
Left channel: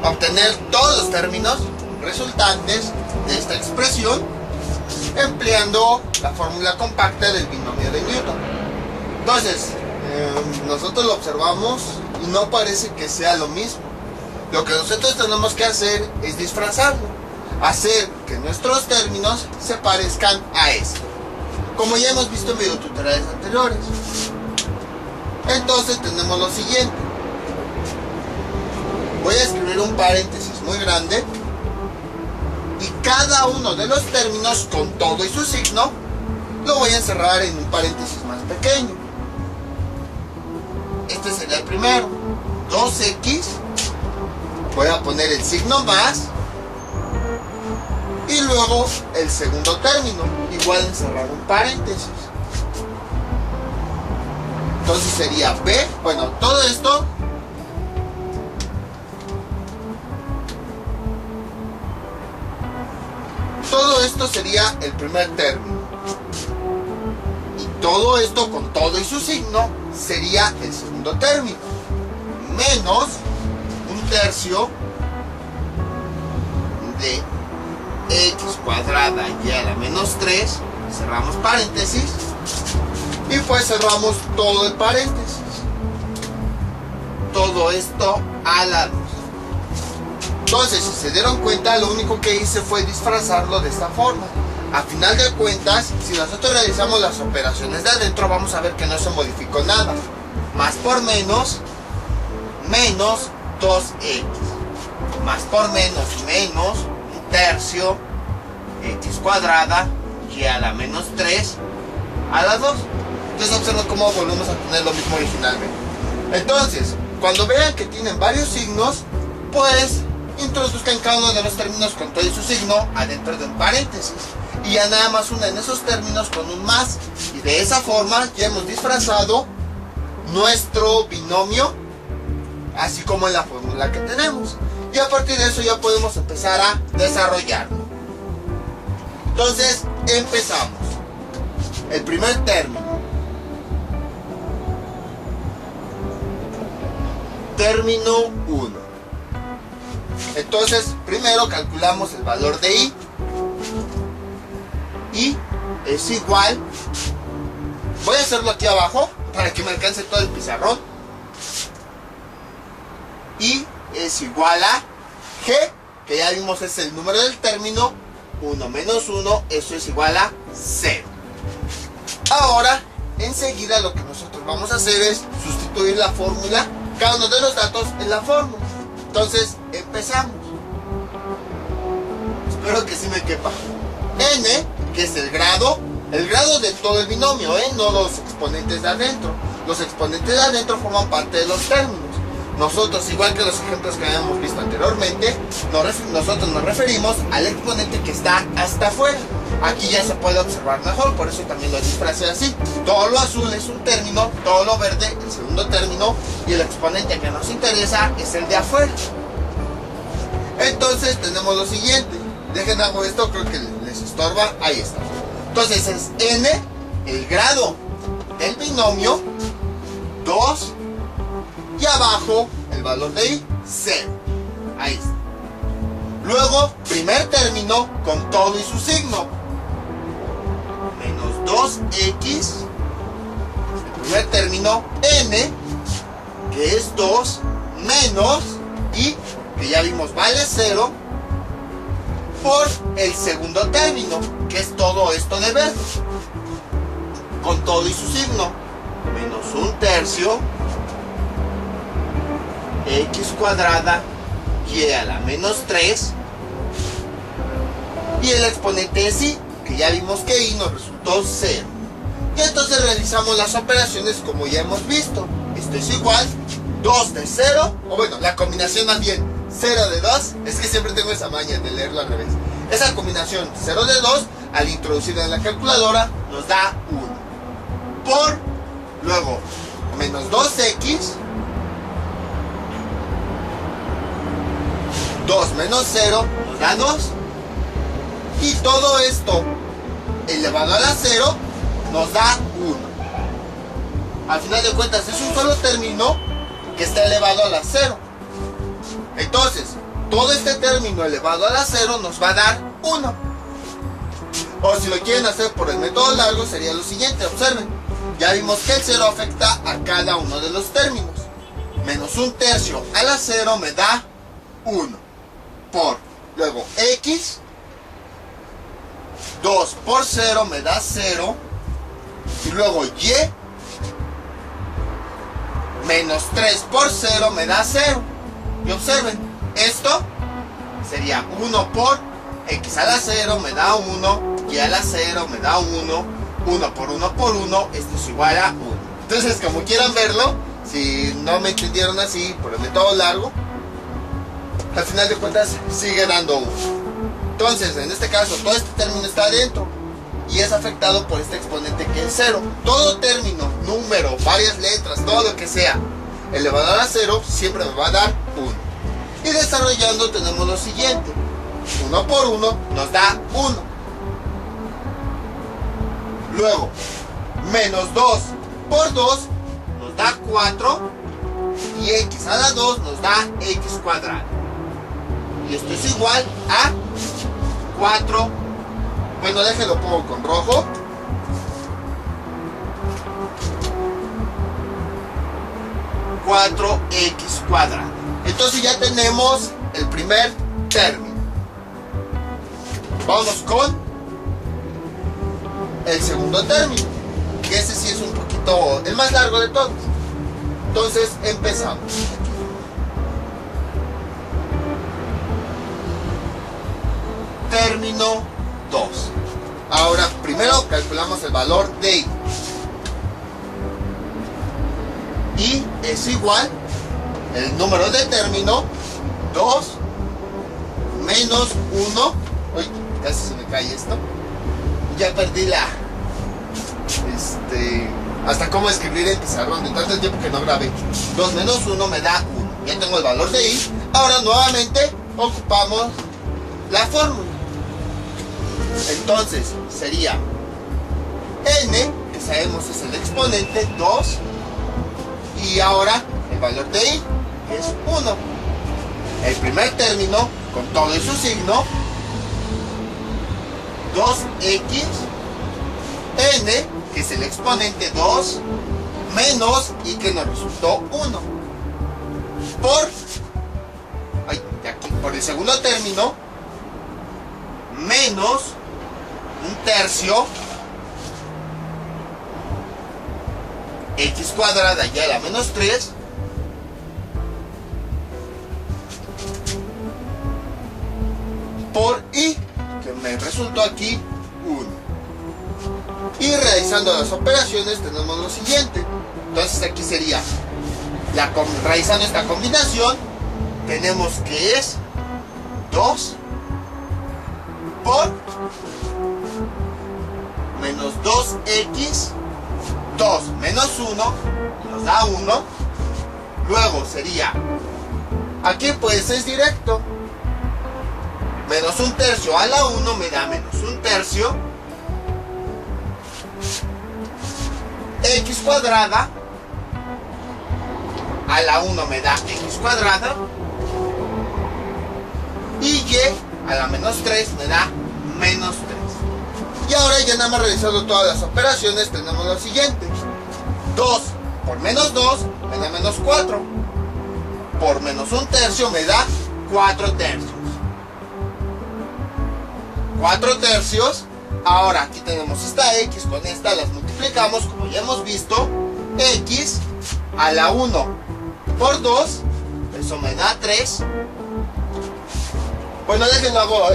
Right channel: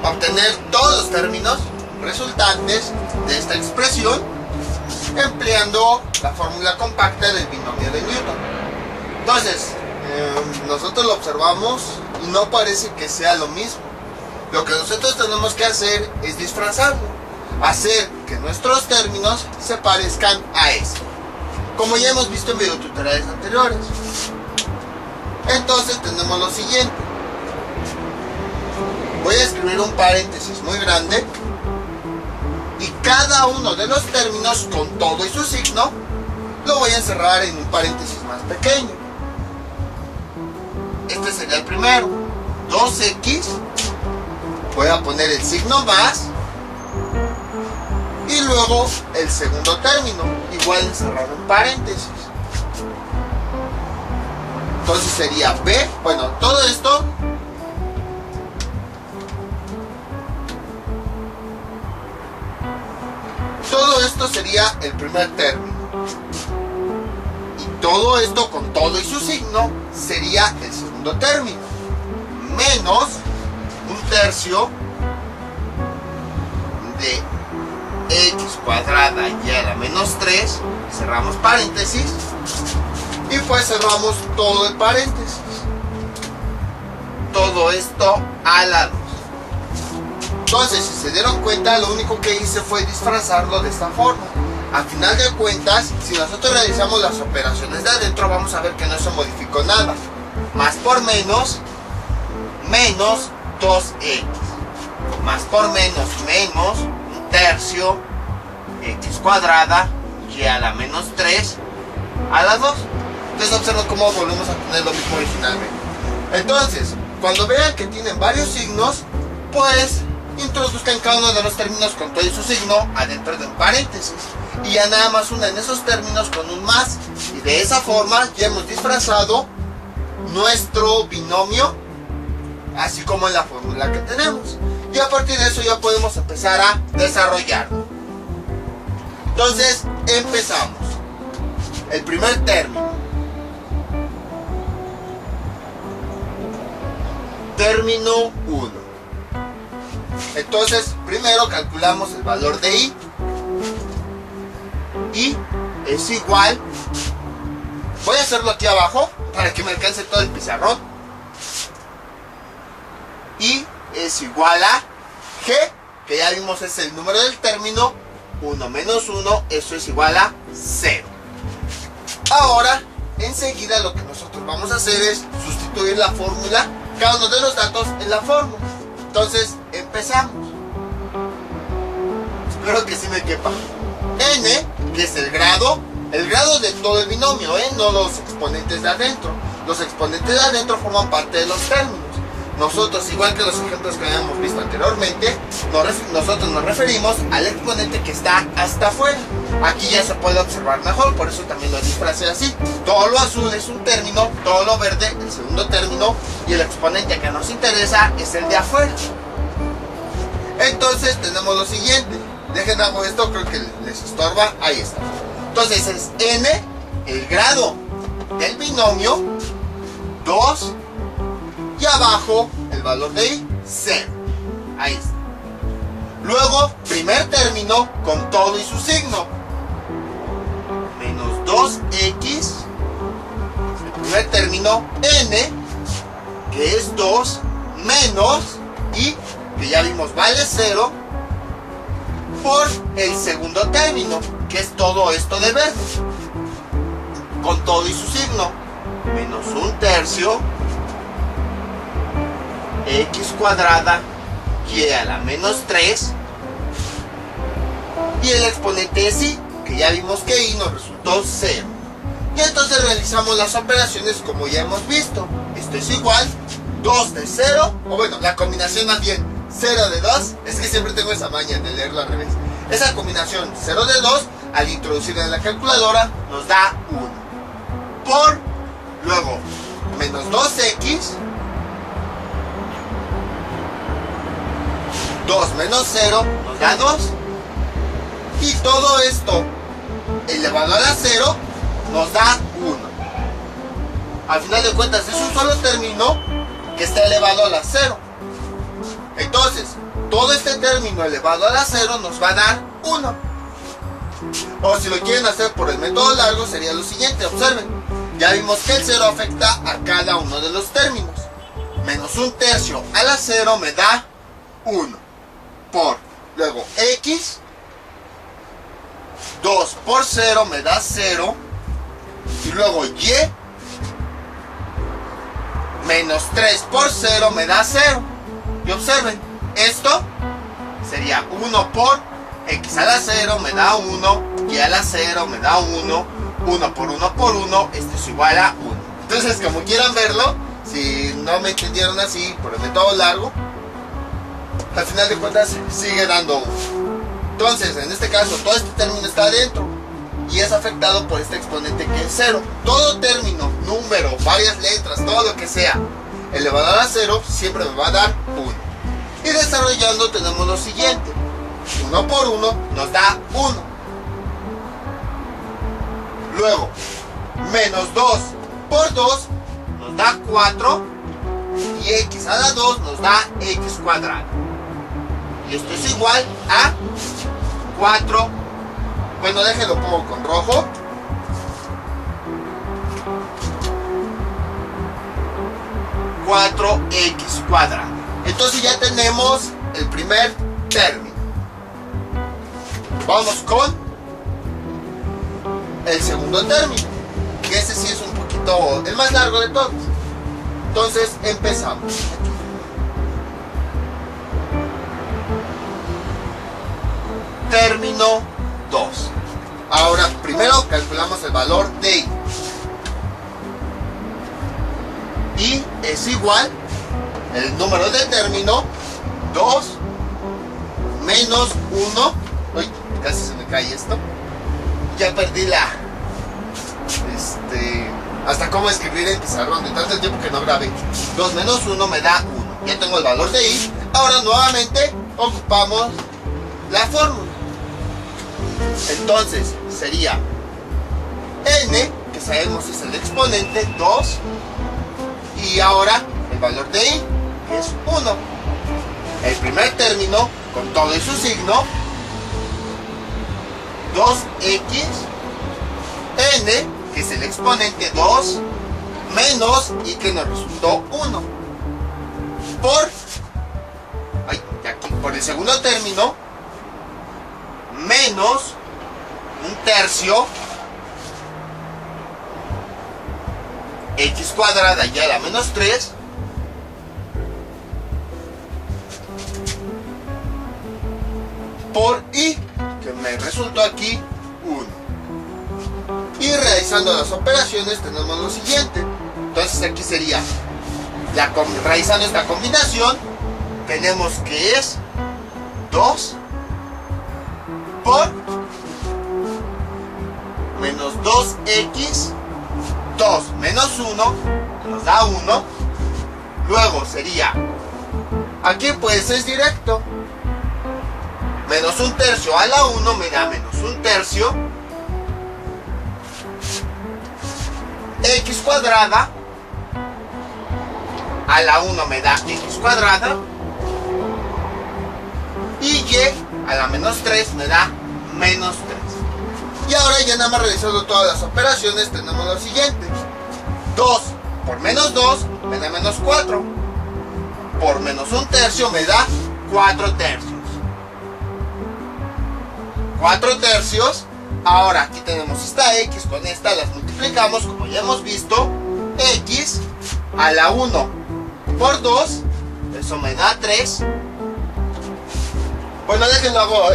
Obtener todos los términos resultantes de esta expresión empleando la fórmula compacta del binomio de Newton. Entonces, nosotros lo observamos y no parece que sea lo mismo. Lo que nosotros tenemos que hacer es disfrazarlo, hacer que nuestros términos se parezcan a esto, como ya hemos visto en videotutoriales anteriores. Entonces tenemos lo siguiente. Voy a escribir un paréntesis muy grande y cada uno de los términos con todo y su signo lo voy a encerrar en un paréntesis más pequeño. Este sería el primero, 2x, voy a poner el signo más y luego el segundo término, igual encerrar un paréntesis. Entonces sería b, bueno, todo esto sería el primer término, y todo esto con todo y su signo sería el segundo término, menos un tercio de x cuadrada y a la menos 3, cerramos paréntesis y pues cerramos todo el paréntesis, todo esto a la 2. Entonces, si se dieron cuenta, lo único que hice fue disfrazarlo de esta forma. A final de cuentas, si nosotros realizamos las operaciones de adentro, vamos a ver que no se modificó nada. Más por menos, menos 2x. Más por menos, menos un tercio x cuadrada y a la menos 3 a la 2. Entonces observen cómo volvemos a tener lo mismo originalmente. Entonces, cuando vean que tienen varios signos, pues introduzcan cada uno de los términos con todo y su signo adentro de un paréntesis y ya nada más unen esos términos con un más, y de esa forma ya hemos disfrazado nuestro binomio así como en la fórmula que tenemos, y a partir de eso ya podemos empezar a desarrollarlo. Entonces empezamos. El primer término, término 1. Entonces, primero calculamos el valor de i. I es igual, voy a hacerlo aquí abajo para que me alcance todo el pizarrón. I es igual a g, que ya vimos es el número del término, 1 menos 1, eso es igual a 0. Ahora, enseguida lo que nosotros vamos a hacer es sustituir la fórmula, cada uno de los datos en la fórmula. Entonces, empezamos. Espero que sí me quepa. N, que es el grado de todo el binomio, no los exponentes de adentro. Los exponentes de adentro forman parte de los términos. Nosotros, igual que los ejemplos que habíamos visto anteriormente, nosotros nos referimos al exponente que está hasta afuera. Aquí ya se puede observar mejor, por eso también lo disfracé así. Todo lo azul es un término, todo lo verde el segundo término, y el exponente que nos interesa es el de afuera. Entonces tenemos lo siguiente. Dejen hago esto, creo que les estorba. Ahí está. Entonces es n, el grado del binomio, 2, y abajo el valor de i, 0. Ahí está. Luego, primer término con todo y su signo, menos 2x, el primer término, n, que es 2, menos i, que ya vimos vale 0, por el segundo término, que es todo esto de verde, con todo y su signo, menos un tercio x cuadrada y a la menos 3, y el exponente es i, que ya vimos que i nos resultó 0. Y entonces realizamos las operaciones como ya hemos visto. Esto es igual, 2 de 0, o bueno, la combinación más bien 0 de 2, es que siempre tengo esa maña de leerlo al revés. Esa combinación 0 de 2, al introducirla en la calculadora, nos da 1. Por Luego, menos 2x. 2 menos 0 nos da 2. Y todo esto elevado a la 0 nos da 1. Al final de cuentas es un solo término que está elevado a la 0. Entonces, todo este término elevado a la 0 nos va a dar 1. O si lo quieren hacer por el método largo sería lo siguiente, observen. Ya vimos que el 0 afecta a cada uno de los términos. Menos 1/3 a la 0 me da 1. Por, luego x, 2 por 0 me da 0. Y luego y, menos 3 por 0 me da 0. Y observen, esto sería 1 por x a la 0 me da 1, y a la 0 me da 1, 1 por 1 por 1, esto es igual a 1. Entonces, como quieran verlo, si no me entendieron así por el método largo, al final de cuentas sigue dando 1. Entonces, en este caso, todo este término está adentro y es afectado por este exponente que es 0. Todo término, número, varias letras, todo lo que sea elevado a la 0 siempre me va a dar 1. Y desarrollando tenemos lo siguiente. 1 por 1 nos da 1. Luego, menos 2 por 2 nos da 4. Y x a la 2 nos da x cuadrado. Y esto es igual a 4. Bueno, déjenlo pongo con rojo. x cuadrado. Entonces ya tenemos el primer término. Vamos con el segundo término, que ese sí es un poquito el más largo de todos. Entonces empezamos. Término 2. Ahora primero calculamos el valor de y. Y es igual el número de término 2 menos 1. Uy, casi se me cae esto. Ya perdí la hasta cómo escribir en pizarrón de tanto tiempo que no grabé. 2 menos 1 me da 1. Ya tengo el valor de y. Ahora nuevamente ocupamos la fórmula. Entonces sería n, que sabemos es el exponente, 2. Y ahora el valor de y, que es 1. El primer término, con todo y su signo, 2x, n, que es el exponente 2, menos y que nos resultó 1. Por el segundo término, menos 1/3 x cuadrada y a la menos 3 por y, que me resultó aquí 1. Y realizando las operaciones tenemos lo siguiente. Entonces aquí sería, realizando esta combinación, tenemos que es 2 por menos 2x, 2 menos 1 nos da 1. Luego sería, aquí pues es directo, menos 1/3 a la 1 me da menos 1/3 x cuadrada a la 1 me da x cuadrada y y a la menos 3 me da menos 3. Y ahora ya nada más realizando todas las operaciones tenemos lo siguiente. 2 por menos 2 me da menos 4. Por menos 1/3 me da 4/3. 4/3. Ahora aquí tenemos esta x, con esta las multiplicamos como ya hemos visto. X a la 1 por 2, eso me da 3. Bueno, déjenlo hago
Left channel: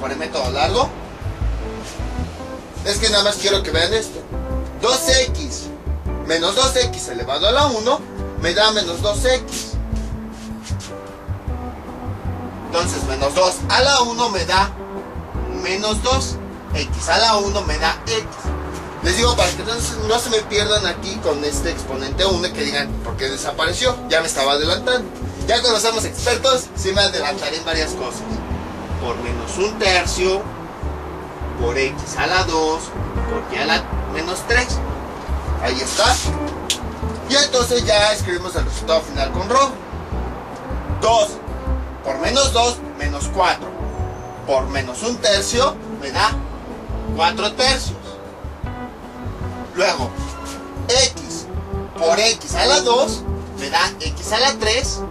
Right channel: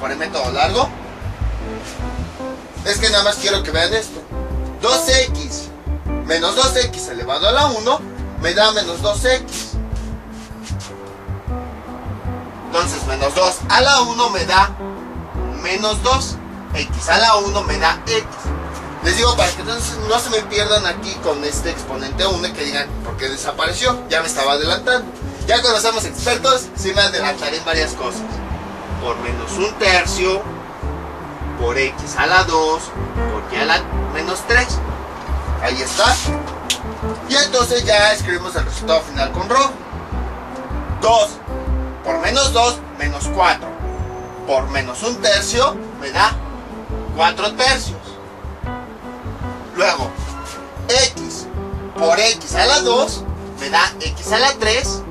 por el método largo. Es que nada más quiero que vean esto. 2x menos 2x elevado a la 1 me da menos 2x. Entonces menos 2 a la 1 me da menos 2. X a la 1 me da x. Les digo para que entonces no se me pierdan aquí con este exponente 1 que digan por qué desapareció. Ya me estaba adelantando. Ya cuando somos expertos, sí me adelantaré en varias cosas. Por menos un tercio, por x a la 2, por y a la menos 3. Ahí está. Y entonces ya escribimos el resultado final con RO. 2 por menos 2, menos 4. Por menos un tercio, me da 4 tercios. Luego, x por x a la 2, me da x a la 3.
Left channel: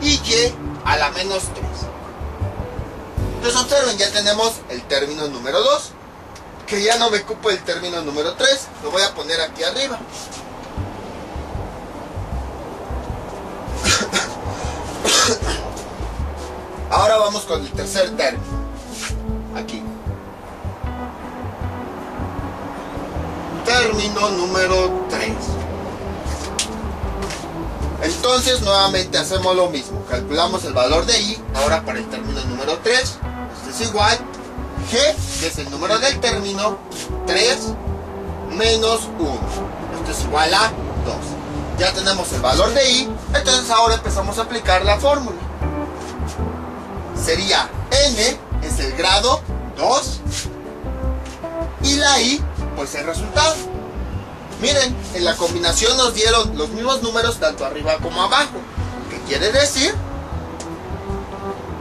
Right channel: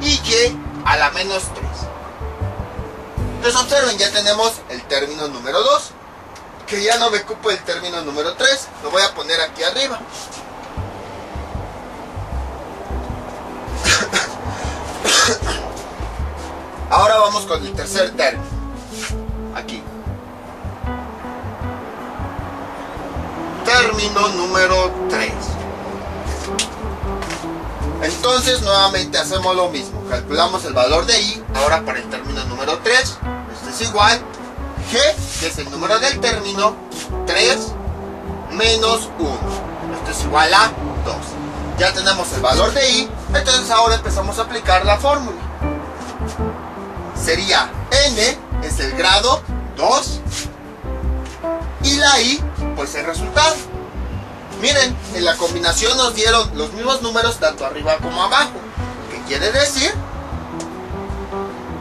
Y y a la menos 3. Entonces observen, ya tenemos el término número 2. Que ya no me ocupo el término número 3. Lo voy a poner aquí arriba. Ahora vamos con el tercer término. Aquí. Término número 3. Entonces nuevamente hacemos lo mismo. Calculamos el valor de i. Ahora para el término número 3. Esto es igual. G, que es el número del término, 3 menos 1. Esto es igual a 2. Ya tenemos el valor de i. Entonces ahora empezamos a aplicar la fórmula. Sería n es el grado 2 y la i pues el resultado. Miren, en la combinación nos dieron los mismos números tanto arriba como abajo. ¿Qué quiere decir?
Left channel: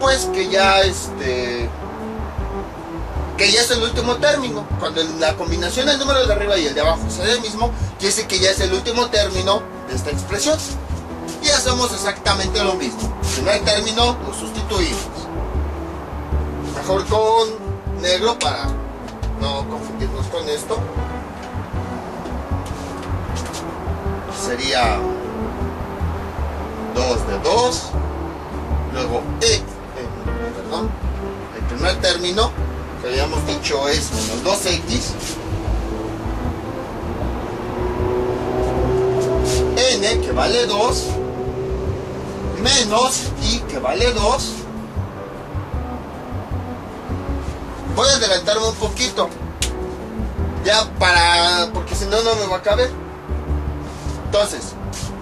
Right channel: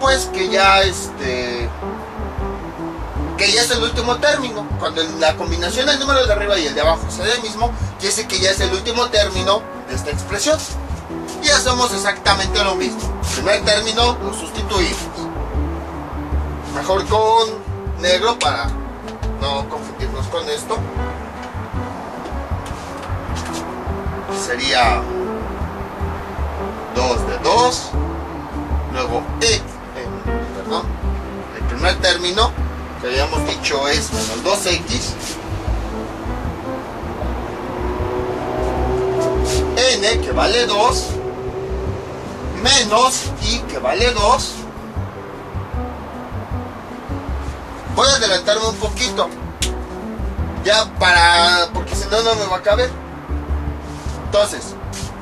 Pues que ya es el último término. Cuando en la combinación el número de arriba y el de abajo es el mismo, quiere decir que ya es el último término de esta expresión. Y hacemos exactamente lo mismo. El primer término lo sustituimos. Mejor con negro para no confundirnos con esto. Sería 2 de 2. Luego el primer término que habíamos dicho es menos 2x. N que vale 2 menos i que vale 2. Voy a adelantarme un poquito ya porque si no, no me va a caber. Entonces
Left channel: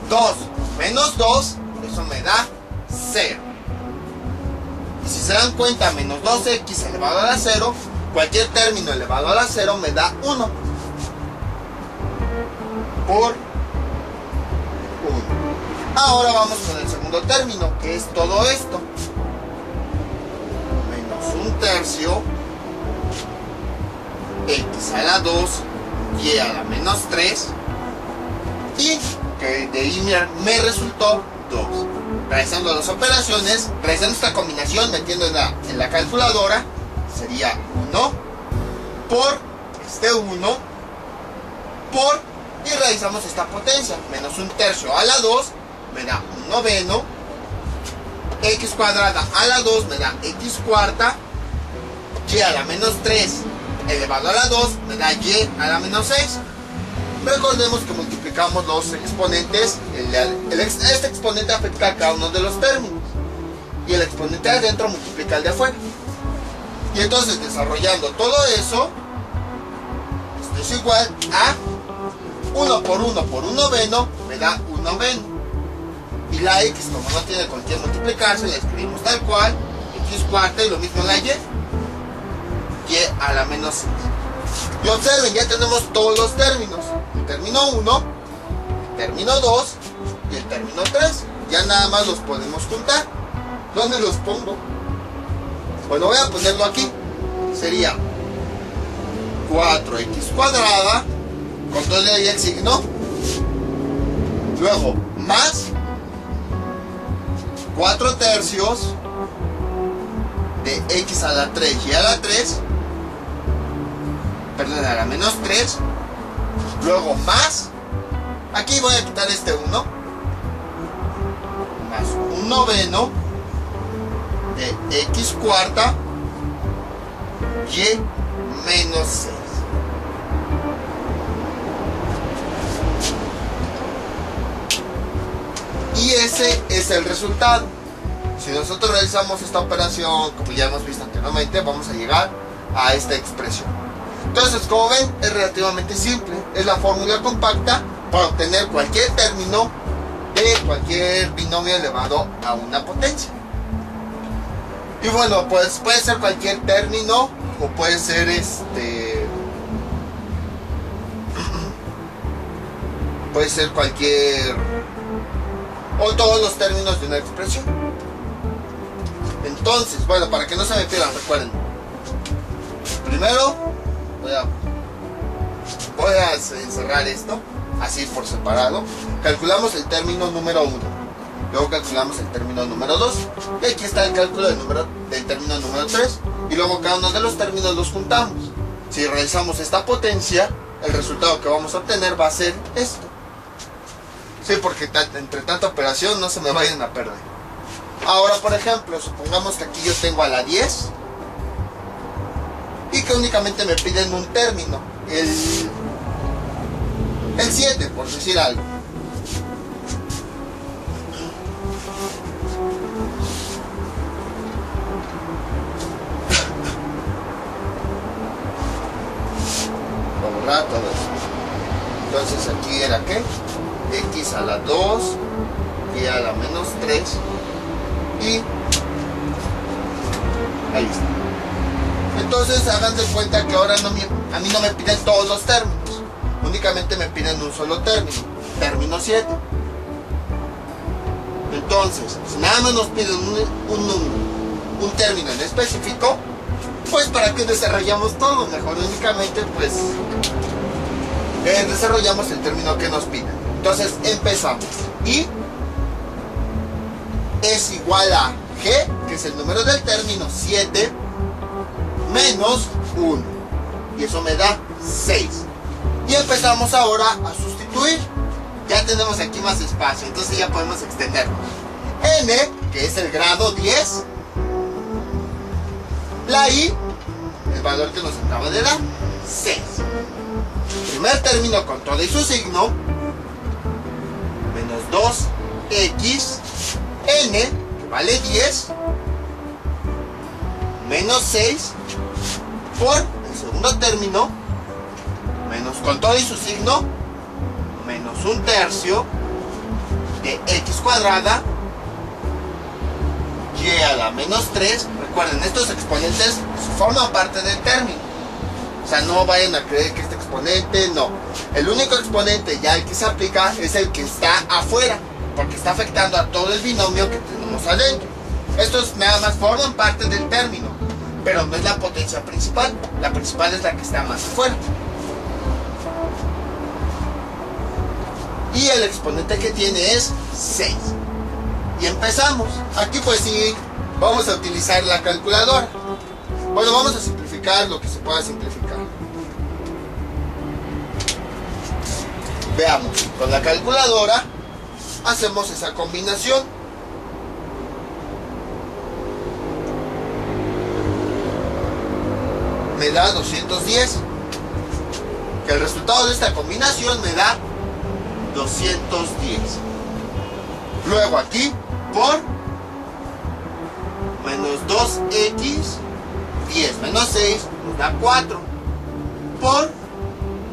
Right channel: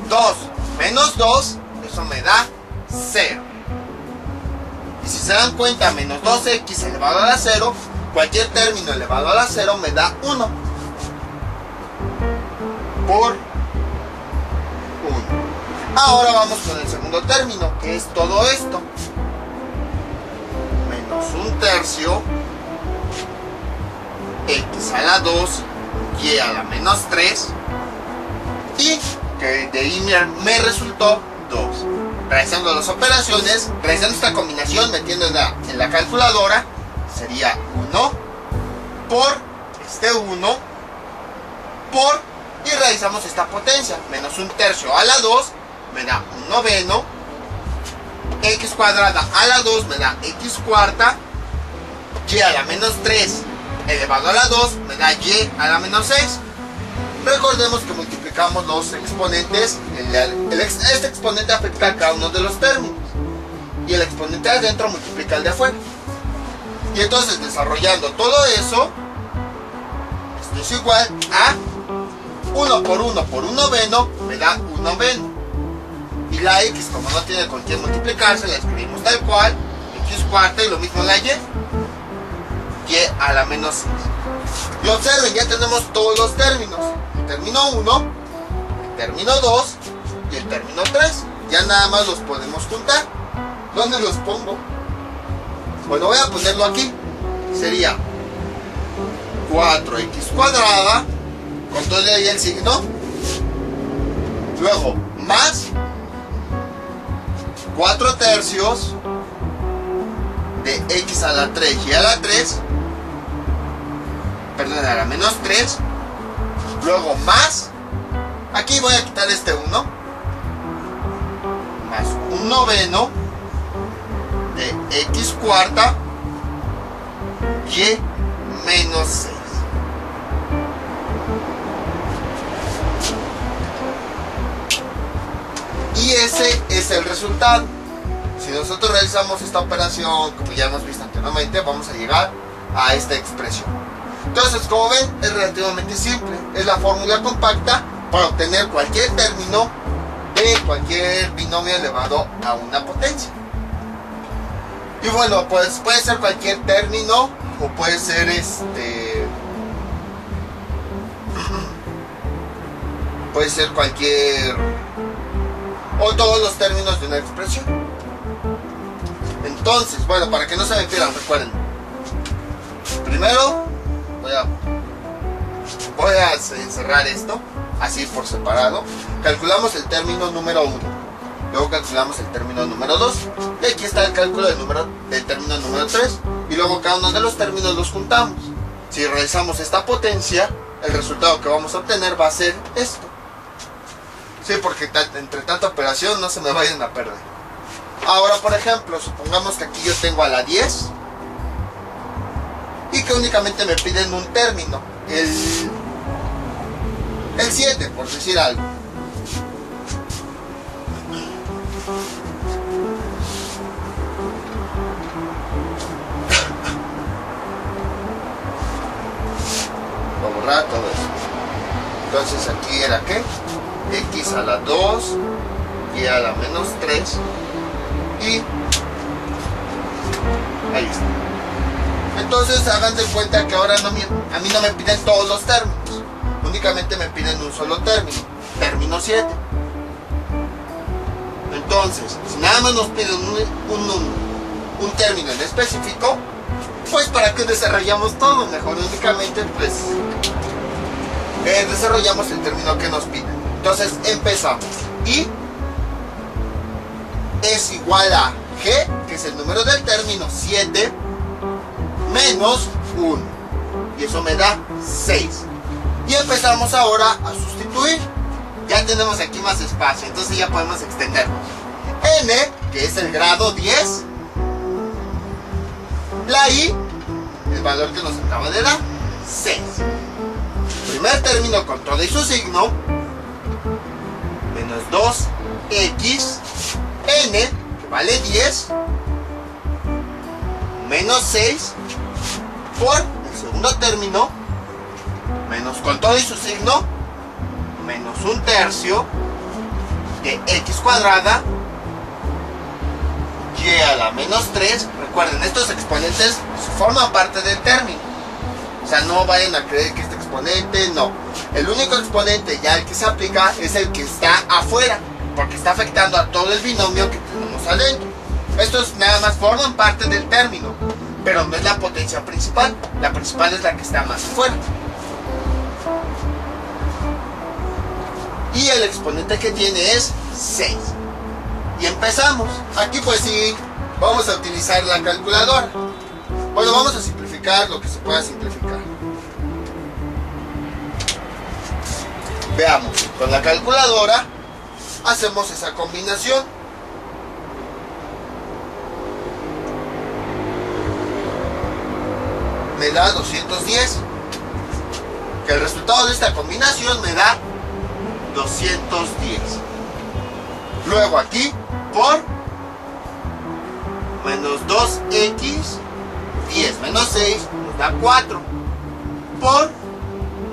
2 menos 2, eso me da 0. Y si se dan cuenta, menos 2x elevado a la 0, cualquier término elevado a la 0 me da 1 por 1. Ahora vamos con el segundo término, que es todo esto. Menos un tercio, x a la 2, y a la menos 3, y que de ahí me resultó 2. Realizando las operaciones, realizando esta combinación, metiendo en la calculadora, sería 1 por este 1 por, y realizamos esta potencia, menos un tercio a la 2 me da un noveno, x cuadrada a la 2 me da x cuarta, y a la menos 3 elevado a la 2 me da y a la menos 6. Recordemos que multiplicamos los exponentes. Este exponente afecta a cada uno de los términos. Y el exponente de adentro multiplica el de afuera. Y entonces, desarrollando todo eso, esto es igual a 1 por 1 por 1 noveno, me da 1 noveno. Y la x, como no tiene con quién multiplicarse, la escribimos tal cual, x cuarta, y lo mismo la y a la menos 6. Y observen, ya tenemos todos los términos. El término 1, el término 2 y el término 3. Ya nada más los podemos juntar. ¿Dónde los pongo? Bueno, voy a ponerlo aquí. Sería 4x cuadrada, con todo ahí el signo. Luego, más 4 tercios de x a la 3 y a la 3. Perdón, a la menos 3. Luego más, aquí voy a quitar este 1, más un noveno de x cuarta y menos 6. Y ese es el resultado. Si nosotros realizamos esta operación, como ya hemos visto anteriormente, vamos a llegar a esta expresión. Entonces, como ven, es relativamente simple. Es la fórmula compacta para obtener cualquier término de cualquier binomio elevado a una potencia. Y bueno, pues puede ser cualquier término o puede ser puede ser cualquier o todos los términos de una expresión. Entonces, bueno, para que no se me pierdan, recuerden. Primero voy a encerrar esto así por separado. Calculamos el término número 1. Luego calculamos el término número 2. Y aquí está el cálculo del término número 3. Y luego cada uno de los términos los juntamos. Si realizamos esta potencia, el resultado que vamos a obtener va a ser esto. Sí, porque entre tanta operación no se me vayan a perder. Ahora, por ejemplo, supongamos que aquí yo tengo a la 10 y que únicamente me piden un término, el 7, por decir algo. Voy a borrar todo eso. Entonces aquí era ¿qué? X a la 2 y a la menos 3 y ahí está. Entonces hagan de cuenta que ahora a mí no me piden todos los términos, únicamente me piden un solo término, término 7. Entonces, si nada más nos piden un término en específico, pues para qué desarrollamos todo, mejor únicamente pues desarrollamos el término que nos piden. Entonces empezamos. Y es igual a G, que es el número del término 7, menos 1. Y eso me da 6. Y empezamos ahora a sustituir. Ya tenemos aquí más espacio, entonces ya podemos extendernos. N, que es el grado 10. La I, el valor que nos acaba de dar, 6. Primer término con todo y su signo. 2x n, que vale 10, menos 6 por el segundo término, menos con todo y su signo, menos un tercio de x cuadrada y a la menos 3. Recuerden, estos exponentes forman parte del término, o sea, no vayan a creer que este exponente, no. El único exponente ya el que se aplica es el que está afuera, porque está afectando a todo el binomio que tenemos adentro. Estos nada más forman parte del término, pero no es la potencia principal. La principal es la que está más afuera. Y el exponente que tiene es 6. Y empezamos. Aquí pues sí, vamos a utilizar la calculadora. Bueno, vamos a simplificar lo que se pueda simplificar. Veamos, con la calculadora hacemos esa combinación. Me da 210. Que el resultado de esta combinación me da 210. Luego aquí, por menos 2x, 10 menos 6 nos da 4. Por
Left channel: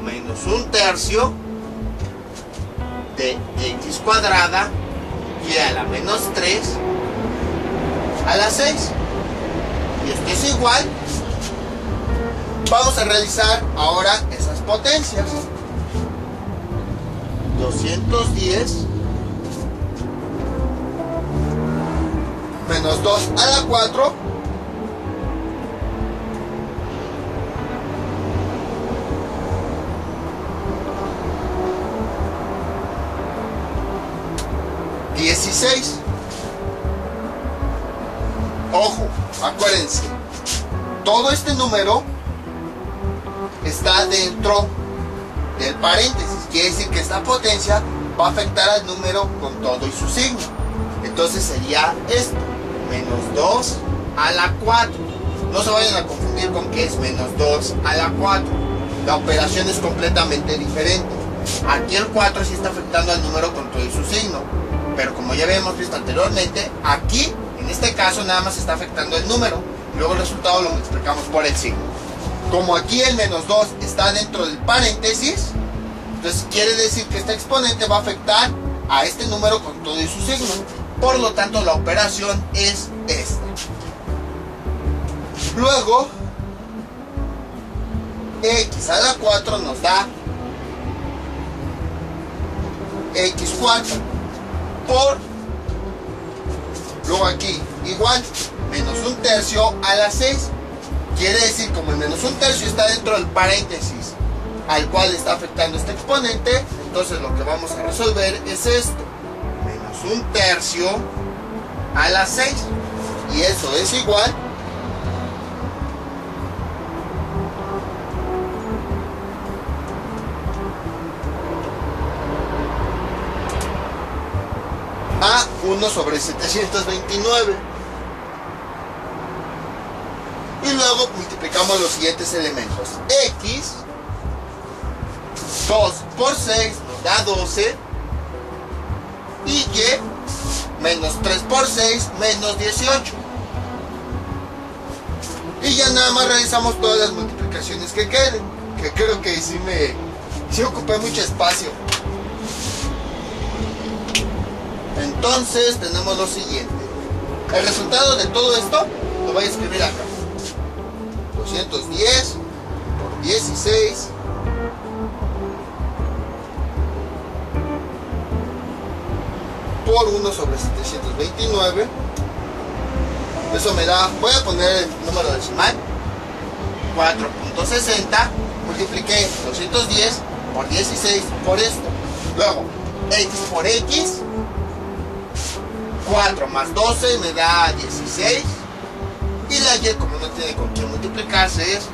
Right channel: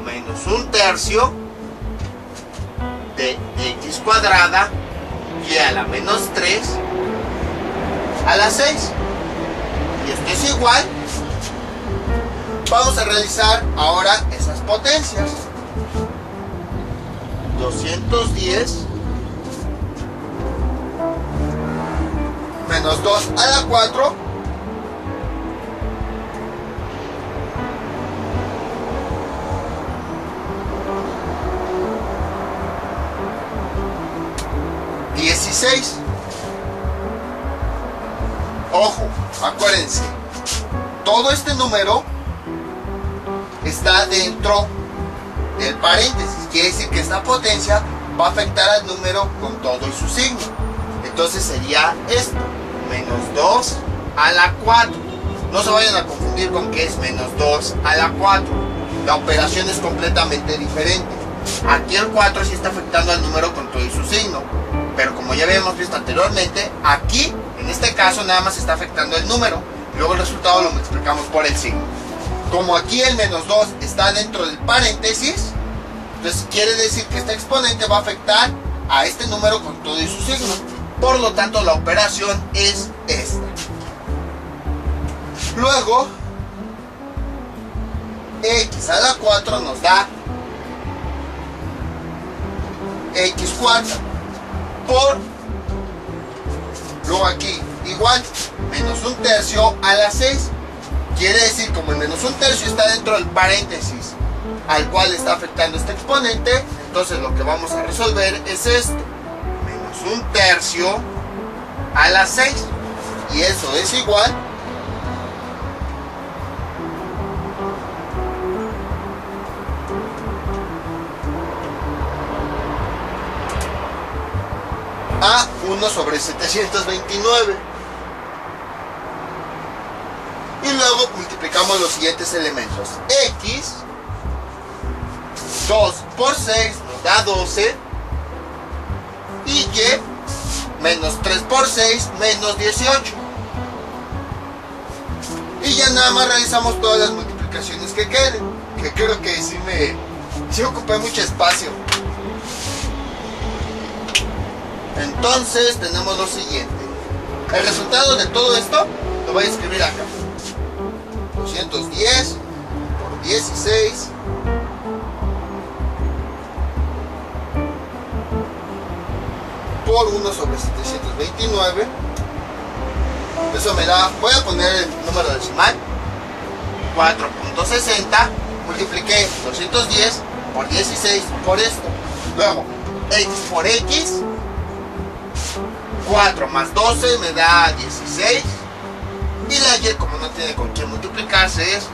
menos un tercio de x cuadrada y a la menos 3 a la 6. Y esto es igual. Vamos a realizar ahora esas potencias. 210 menos 2 a la 4 16. Ojo, acuérdense, todo este número está dentro del paréntesis, quiere decir que esta potencia va a afectar al número con todo y su signo. Entonces sería esto, menos 2 a la 4. No se vayan a confundir con que es menos 2 a la 4. La operación es completamente diferente. Aquí el 4 sí está afectando al número con todo y su signo, pero como ya habíamos visto anteriormente, aquí, en este caso, nada más está afectando el número. Luego el resultado lo multiplicamos por el signo. Como aquí el menos 2 está dentro del paréntesis, entonces quiere decir que este exponente va a afectar a este número con todo y su signo. Por lo tanto, la operación es esta. Luego, x a la 4 nos da x4 por, luego aquí igual, menos 1/3 a la 6. Quiere decir, como el menos 1/3 está dentro del paréntesis al cual está afectando este exponente, entonces lo que vamos a resolver es esto, menos 1/3 a la 6, y eso es igual a 1 sobre 729. Y luego multiplicamos los siguientes elementos. X, 2 por 6 nos da 12. Y Y, menos 3 por 6, menos 18. Y ya nada más realizamos todas las multiplicaciones que queden. Que creo que sí ocupé mucho espacio. Entonces tenemos lo siguiente. El resultado de todo esto lo voy a escribir acá. 210 por 16 por 1 sobre 729. Eso me da, voy a poner el número decimal, 4.60. Multipliqué 210 por 16 por esto. Luego, x por x, 4 más 12 me da 16. Y la y, como no tiene con quién multiplicarse, es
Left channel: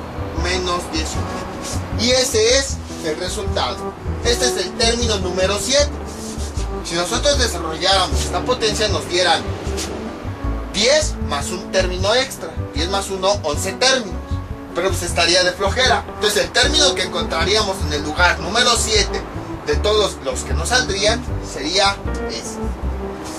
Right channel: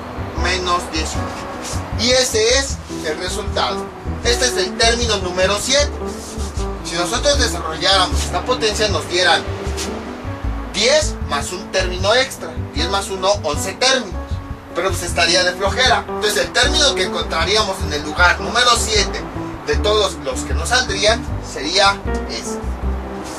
menos 18. Y ese es el resultado. Este es el término número 7. Si nosotros desarrolláramos esta potencia, nos dieran 10 más un término extra. 10 más 1, 11 términos. Pero pues estaría de flojera. Entonces el término que encontraríamos en el lugar número 7 de todos los que nos saldrían sería este.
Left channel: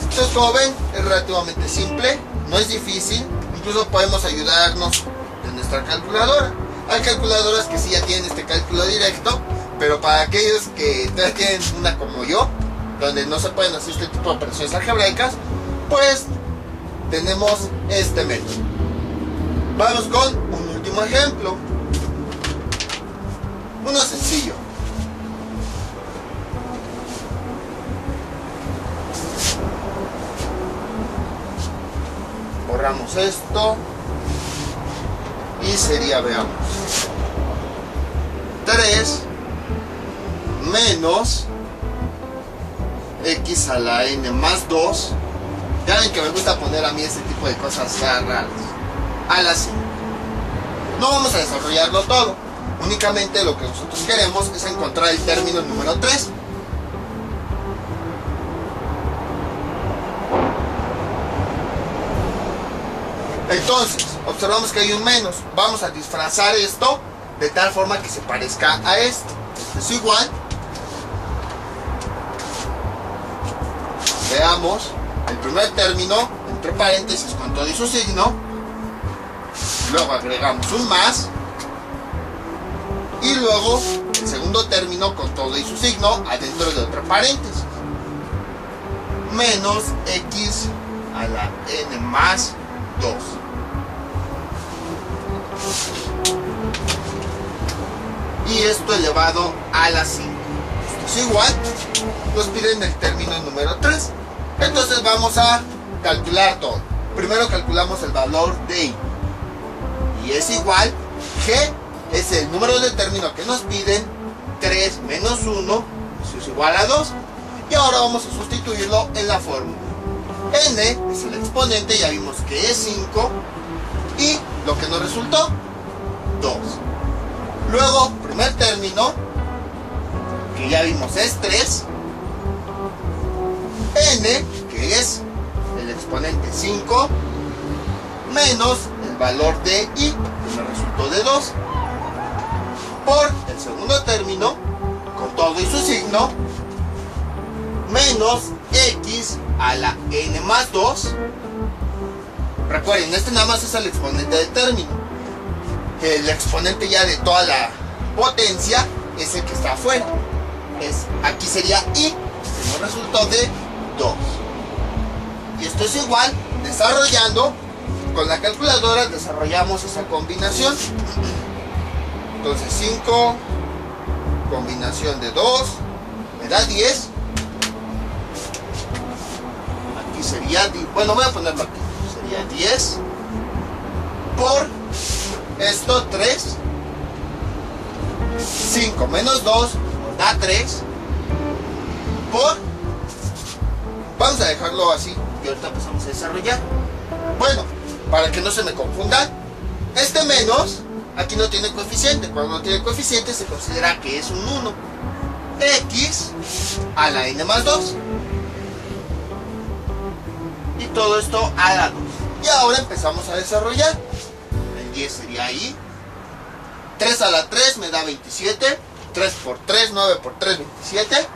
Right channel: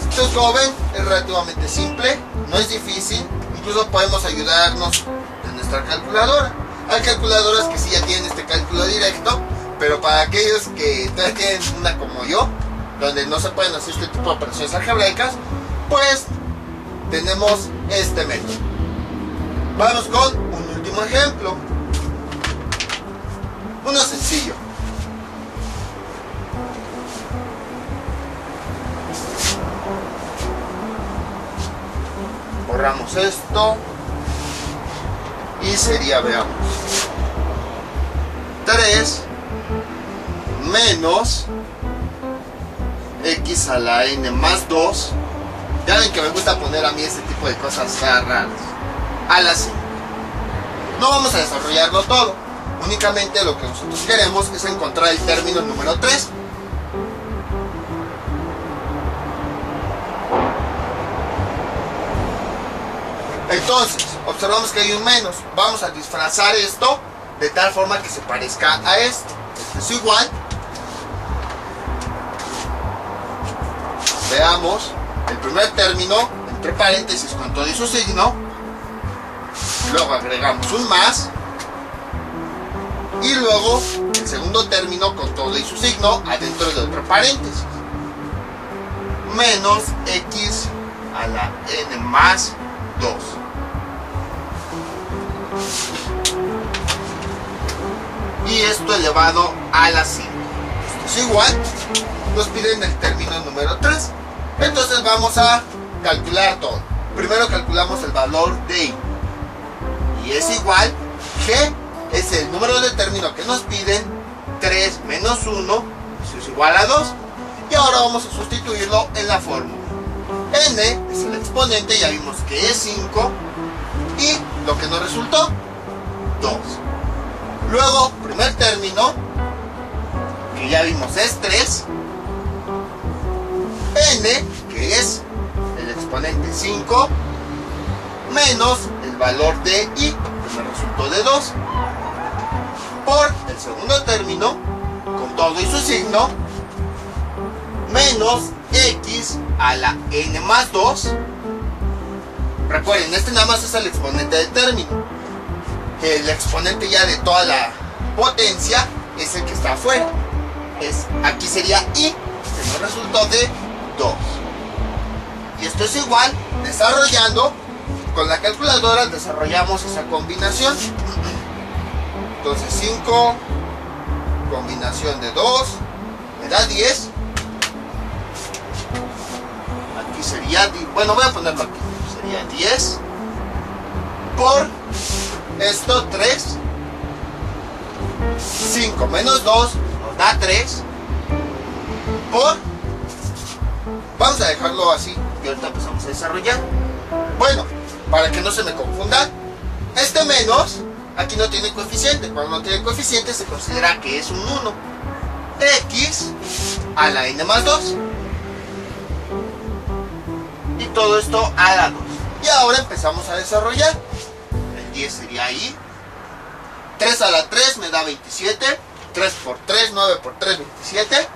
Entonces, como ven, es relativamente simple, no es difícil. Incluso podemos ayudarnos de nuestra calculadora. Hay calculadoras que sí ya tienen este cálculo directo, pero para aquellos que todavía tienen una como yo, donde no se pueden hacer este tipo de operaciones algebraicas, pues tenemos este método. Vamos con un último ejemplo. Uno sencillo. Borramos esto y sería, veamos, 3 menos x a la n más 2. Ya ven que me gusta poner a mí este tipo de cosas raras. A la 5. No vamos a desarrollarlo todo, únicamente lo que nosotros queremos es encontrar el término número 3. Entonces, observamos que hay un menos. Vamos a disfrazar esto de tal forma que se parezca a esto. Esto es igual. Veamos el primer término, entre paréntesis con todo y su signo. Luego agregamos un más. Y luego el segundo término con todo y su signo adentro de otro paréntesis. Menos x a la n más 2. Y esto elevado a la 5. Esto es igual. Nos piden el término número 3. Entonces vamos a calcular todo. Primero calculamos el valor de y. Y es igual. G es el número de término que nos piden. 3 menos 1. Eso es igual a 2. Y ahora vamos a sustituirlo en la fórmula. N es el exponente. Ya vimos que es 5. Y lo que nos resultó, 2. Luego, primer término, que ya vimos es 3. N, que es el exponente 5, menos el valor de y, que me resultó de 2, por el segundo término, con todo y su signo, menos x a la n más 2. Recuerden, este nada más es el exponente del término. el exponente ya de toda la potencia es el que está afuera. Aquí sería I, que nos resultó de 2. Y esto es igual, desarrollando, con la calculadora desarrollamos esa combinación. Entonces 5, combinación de 2, me da 10. Aquí sería, bueno, voy a ponerlo aquí, sería 10 por esto 3. 5 menos 2 nos da 3 por, vamos a dejarlo así y ahorita empezamos a desarrollar. Bueno, para que no se me confundan, este menos aquí no tiene coeficiente. Cuando no tiene coeficiente se considera que es un 1. X a la n más 2 y todo esto a la 2. Y ahora empezamos a desarrollar. El 10 sería ahí. 3 a la 3 me da 27. 3 por 3, 9 por 3, 27.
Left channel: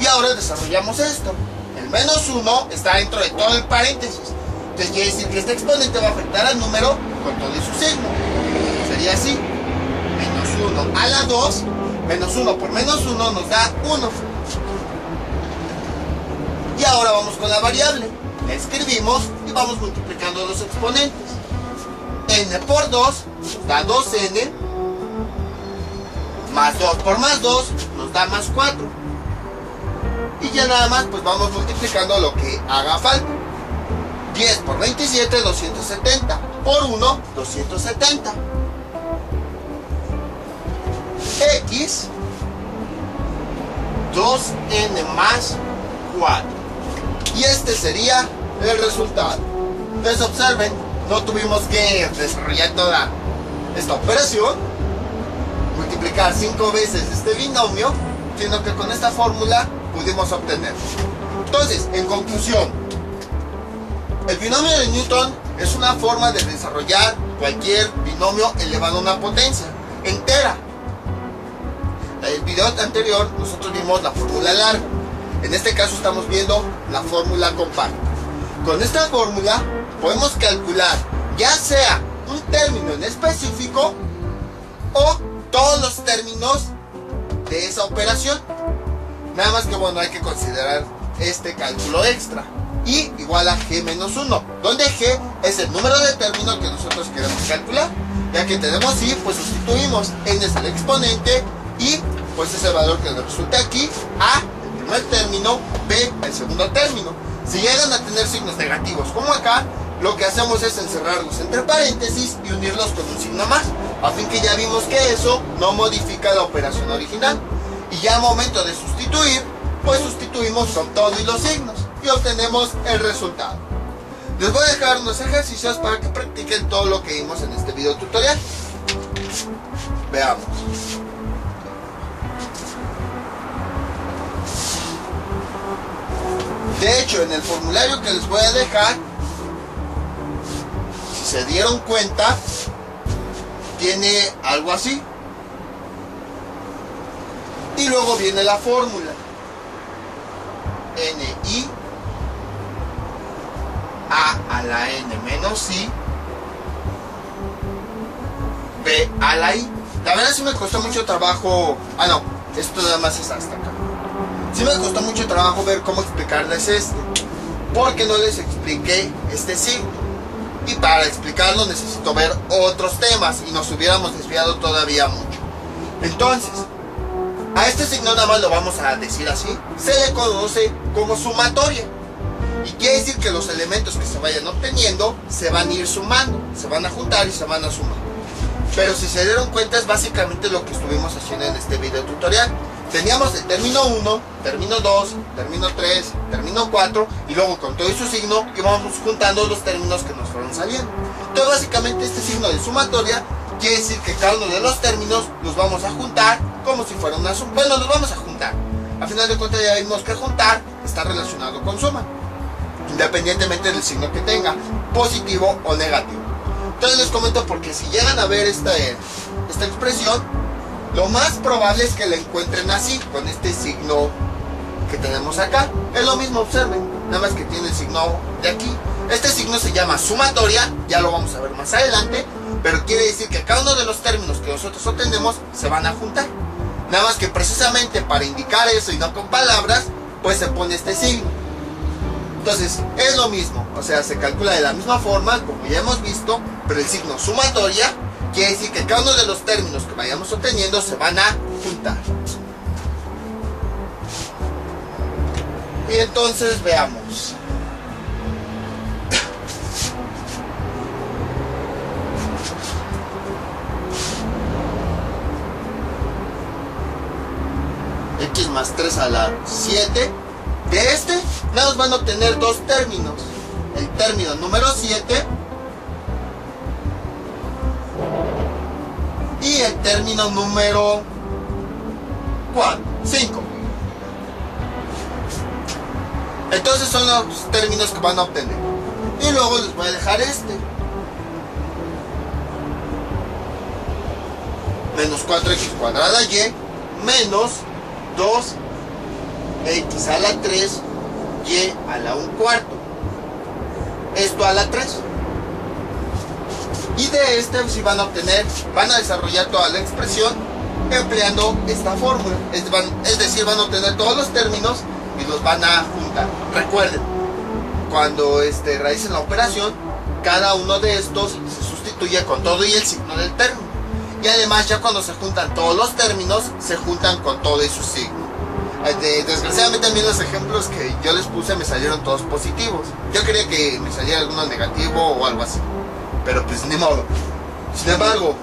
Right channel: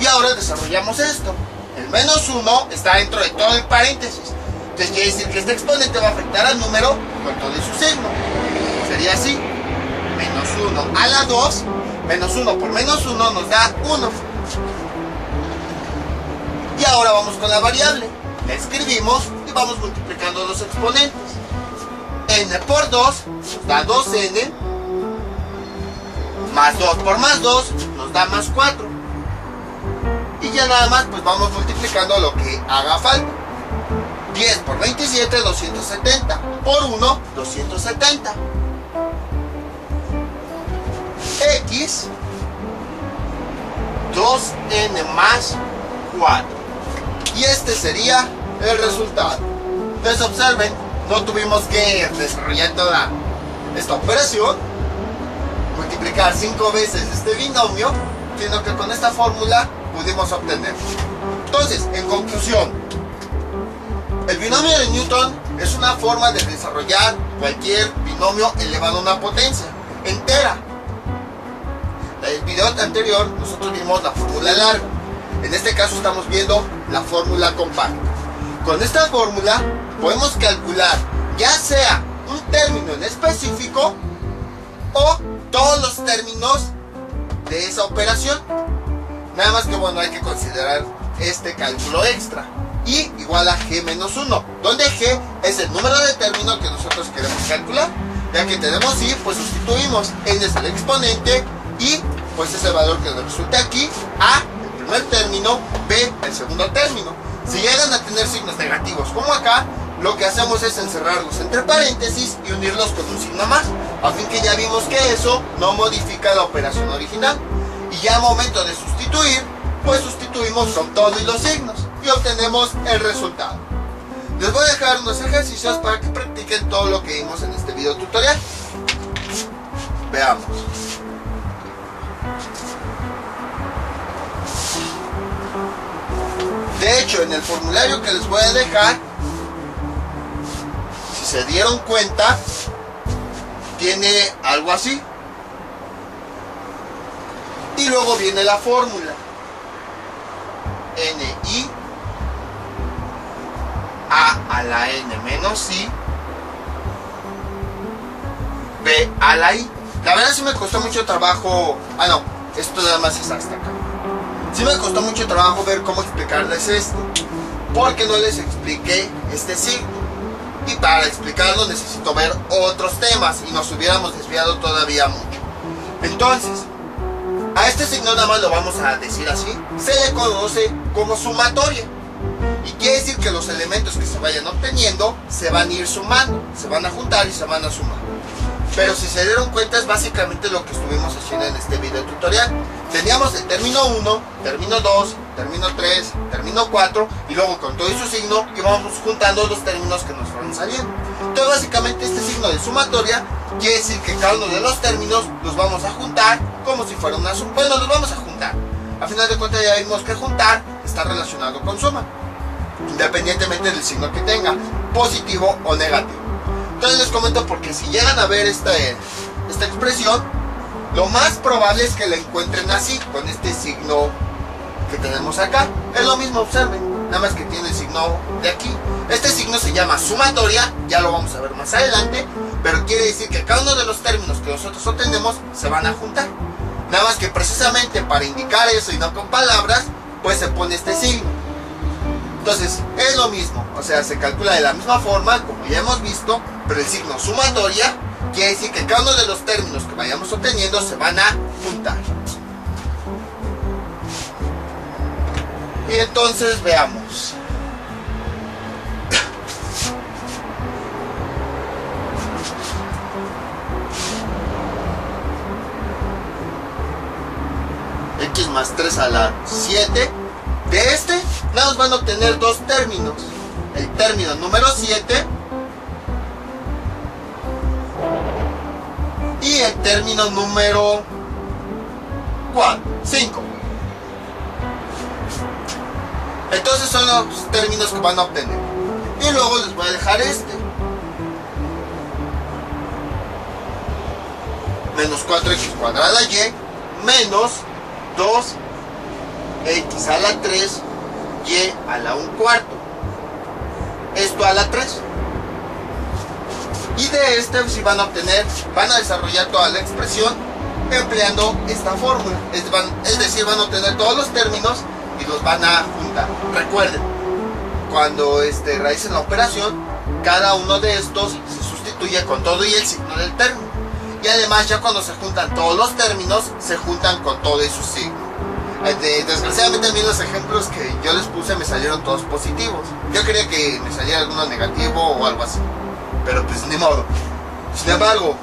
Y ahora desarrollamos esto. El menos 1 está dentro de todo el paréntesis. Entonces quiere decir que este exponente va a afectar al número con todo su signo. Sería así. Menos 1 a la 2. Menos 1 por menos 1 nos da 1. Y ahora vamos con la variable. La escribimos y vamos multiplicando los exponentes. N por 2 nos da 2n. Más 2 por más 2 nos da más 4. Y ya nada más pues vamos multiplicando lo que haga falta. 10 por 27, 270. Por 1, 270. X, 2n más 4. Y este sería el resultado. Entonces observen, no tuvimos que desarrollar toda esta operación, multiplicar 5 veces este binomio, sino que con esta fórmula pudimos obtener. Entonces, en conclusión, el binomio de Newton es una forma de desarrollar cualquier binomio elevado a una potencia entera. En el video anterior nosotros vimos la fórmula larga. En este caso estamos viendo la fórmula compacta. Con esta fórmula podemos calcular ya sea un término en específico o todos los términos de esa operación. Nada más que bueno, hay que considerar este cálculo extra. Y igual a g menos 1, donde g es el número de términos que nosotros queremos calcular. Ya que tenemos y, pues sustituimos. N es el exponente y pues es el valor que nos resulta aquí. A, el primer término, B, el segundo término. Si llegan a tener signos negativos como acá, lo que hacemos es encerrarlos entre paréntesis y unirlos con un signo más, a fin que ya vimos que eso no modifica la operación original. Y ya al momento de sustituir, pues sustituimos con todo y los signos y obtenemos el resultado. Les voy a dejar unos ejercicios para que practiquen todo lo que vimos en este video tutorial. Veamos. De hecho, en el formulario que les voy a dejar, si se dieron cuenta, tiene algo así. Y luego viene la fórmula. Ni a la n menos i b a la i. La verdad sí me costó mucho trabajo. Ah, no, esto nada más es hasta acá. Sí me costó mucho trabajo ver cómo explicarles esto, porque no les expliqué este signo. Y para explicarlo necesito ver otros temas y nos hubiéramos desviado todavía mucho. Entonces, a este signo nada más lo vamos a decir así. Se le conoce como sumatoria. Y quiere decir que los elementos que se vayan obteniendo se van a ir sumando, se van a juntar y se van a sumar. Pero si se dieron cuenta es básicamente lo que estuvimos haciendo en este video tutorial. Teníamos el término 1, término 2, término 3, término 4 y luego con todo su signo íbamos juntando los términos que nos fueron saliendo. Entonces básicamente este signo de sumatoria quiere decir que cada uno de los términos los vamos a juntar como si fuera una suma. Bueno, los vamos a juntar. A final de cuentas ya vimos que juntar está relacionado con suma, independientemente del signo que tenga, positivo o negativo. Entonces les comento porque si llegan a ver esta expresión, lo más probable es que la encuentren así, con este signo que tenemos acá. Es lo mismo, observen, nada más que tiene el signo de aquí. Este signo se llama sumatoria, ya lo vamos a ver más adelante, pero quiere decir que cada uno de los términos que nosotros obtenemos se van a juntar. Nada más que precisamente para indicar eso y no con palabras, pues se pone este signo. Entonces es lo mismo, o sea, se calcula de la misma forma, como ya hemos visto, pero el signo sumatoria quiere decir que cada uno de los términos que vayamos obteniendo se van a juntar. Y entonces veamos. X más 3 a la 7. De este, nada más van a obtener dos términos. El término número 7 y el término número 5. Entonces son los términos que van a obtener. Y luego les voy a dejar este. Menos 4x cuadrada y menos 2x a la 3 y a la 1/4. Esto a la 3. Y de este si van a obtener, van a desarrollar toda la expresión empleando esta fórmula. Es decir, van a obtener todos los términos y los van a juntar. Recuerden, cuando realicen la operación, cada uno de estos se sustituye con todo y el signo del término. Y además ya cuando se juntan todos los términos, se juntan con todo y su signo. Desgraciadamente a mí los ejemplos que yo les puse me salieron todos positivos. Yo quería que me saliera alguno negativo o algo así, pero pues ni modo. Sin embargo,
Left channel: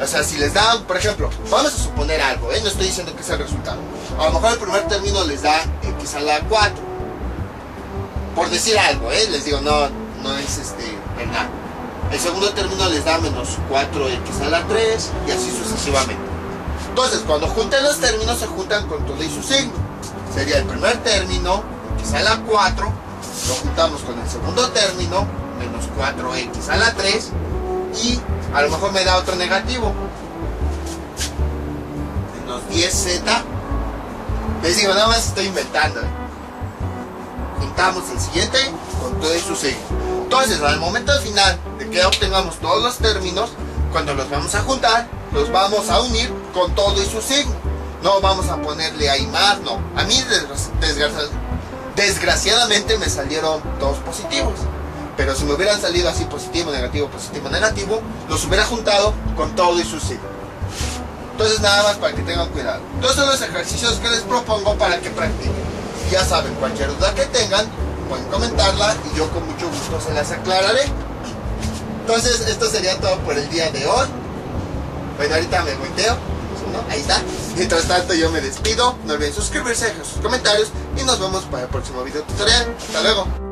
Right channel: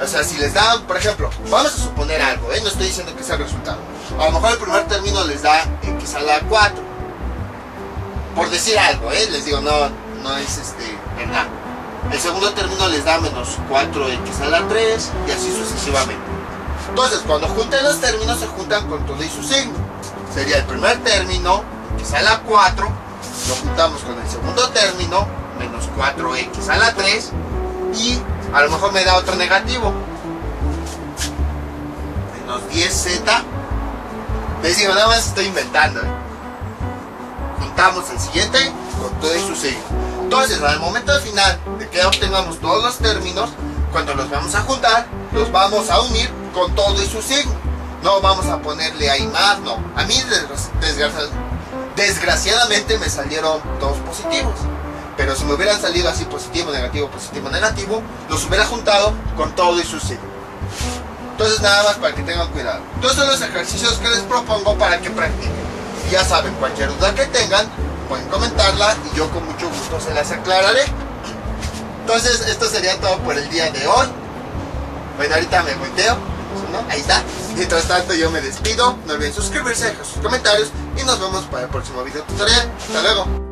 o sea, si les dan, por ejemplo, vamos a suponer algo, no estoy diciendo que sea el resultado. A lo mejor el primer término les da x a la 4, por decir algo, les digo, no es verdad. El segundo término les da menos 4x a la 3 y así sucesivamente. Entonces, cuando junten los términos, se juntan con todo y su signo. Sería el primer término, x a la 4, lo juntamos con el segundo término, menos 4x a la 3, y a lo mejor me da otro negativo, menos 10z. Les digo, nada más estoy inventando. Juntamos el siguiente con todo y su signo. Entonces, al momento final de que obtengamos todos los términos, cuando los vamos a juntar, los vamos a unir con todo y su signo. No vamos a ponerle ahí más, no. A mí desgraciadamente me salieron todos positivos. Pero si me hubieran salido así positivo, negativo, los hubiera juntado con todo y su signo. Entonces nada más para que tengan cuidado. Estos son los ejercicios que les propongo para que practiquen. Ya saben, cualquier duda que tengan, pueden comentarla y yo con mucho gusto se las aclararé. Entonces esto sería todo por el día de hoy. Bueno, ahorita me volteo, ¿no? Ahí está. Mientras tanto yo me despido. No olviden suscribirse, dejar sus comentarios y nos vemos para el próximo video tutorial. Hasta luego.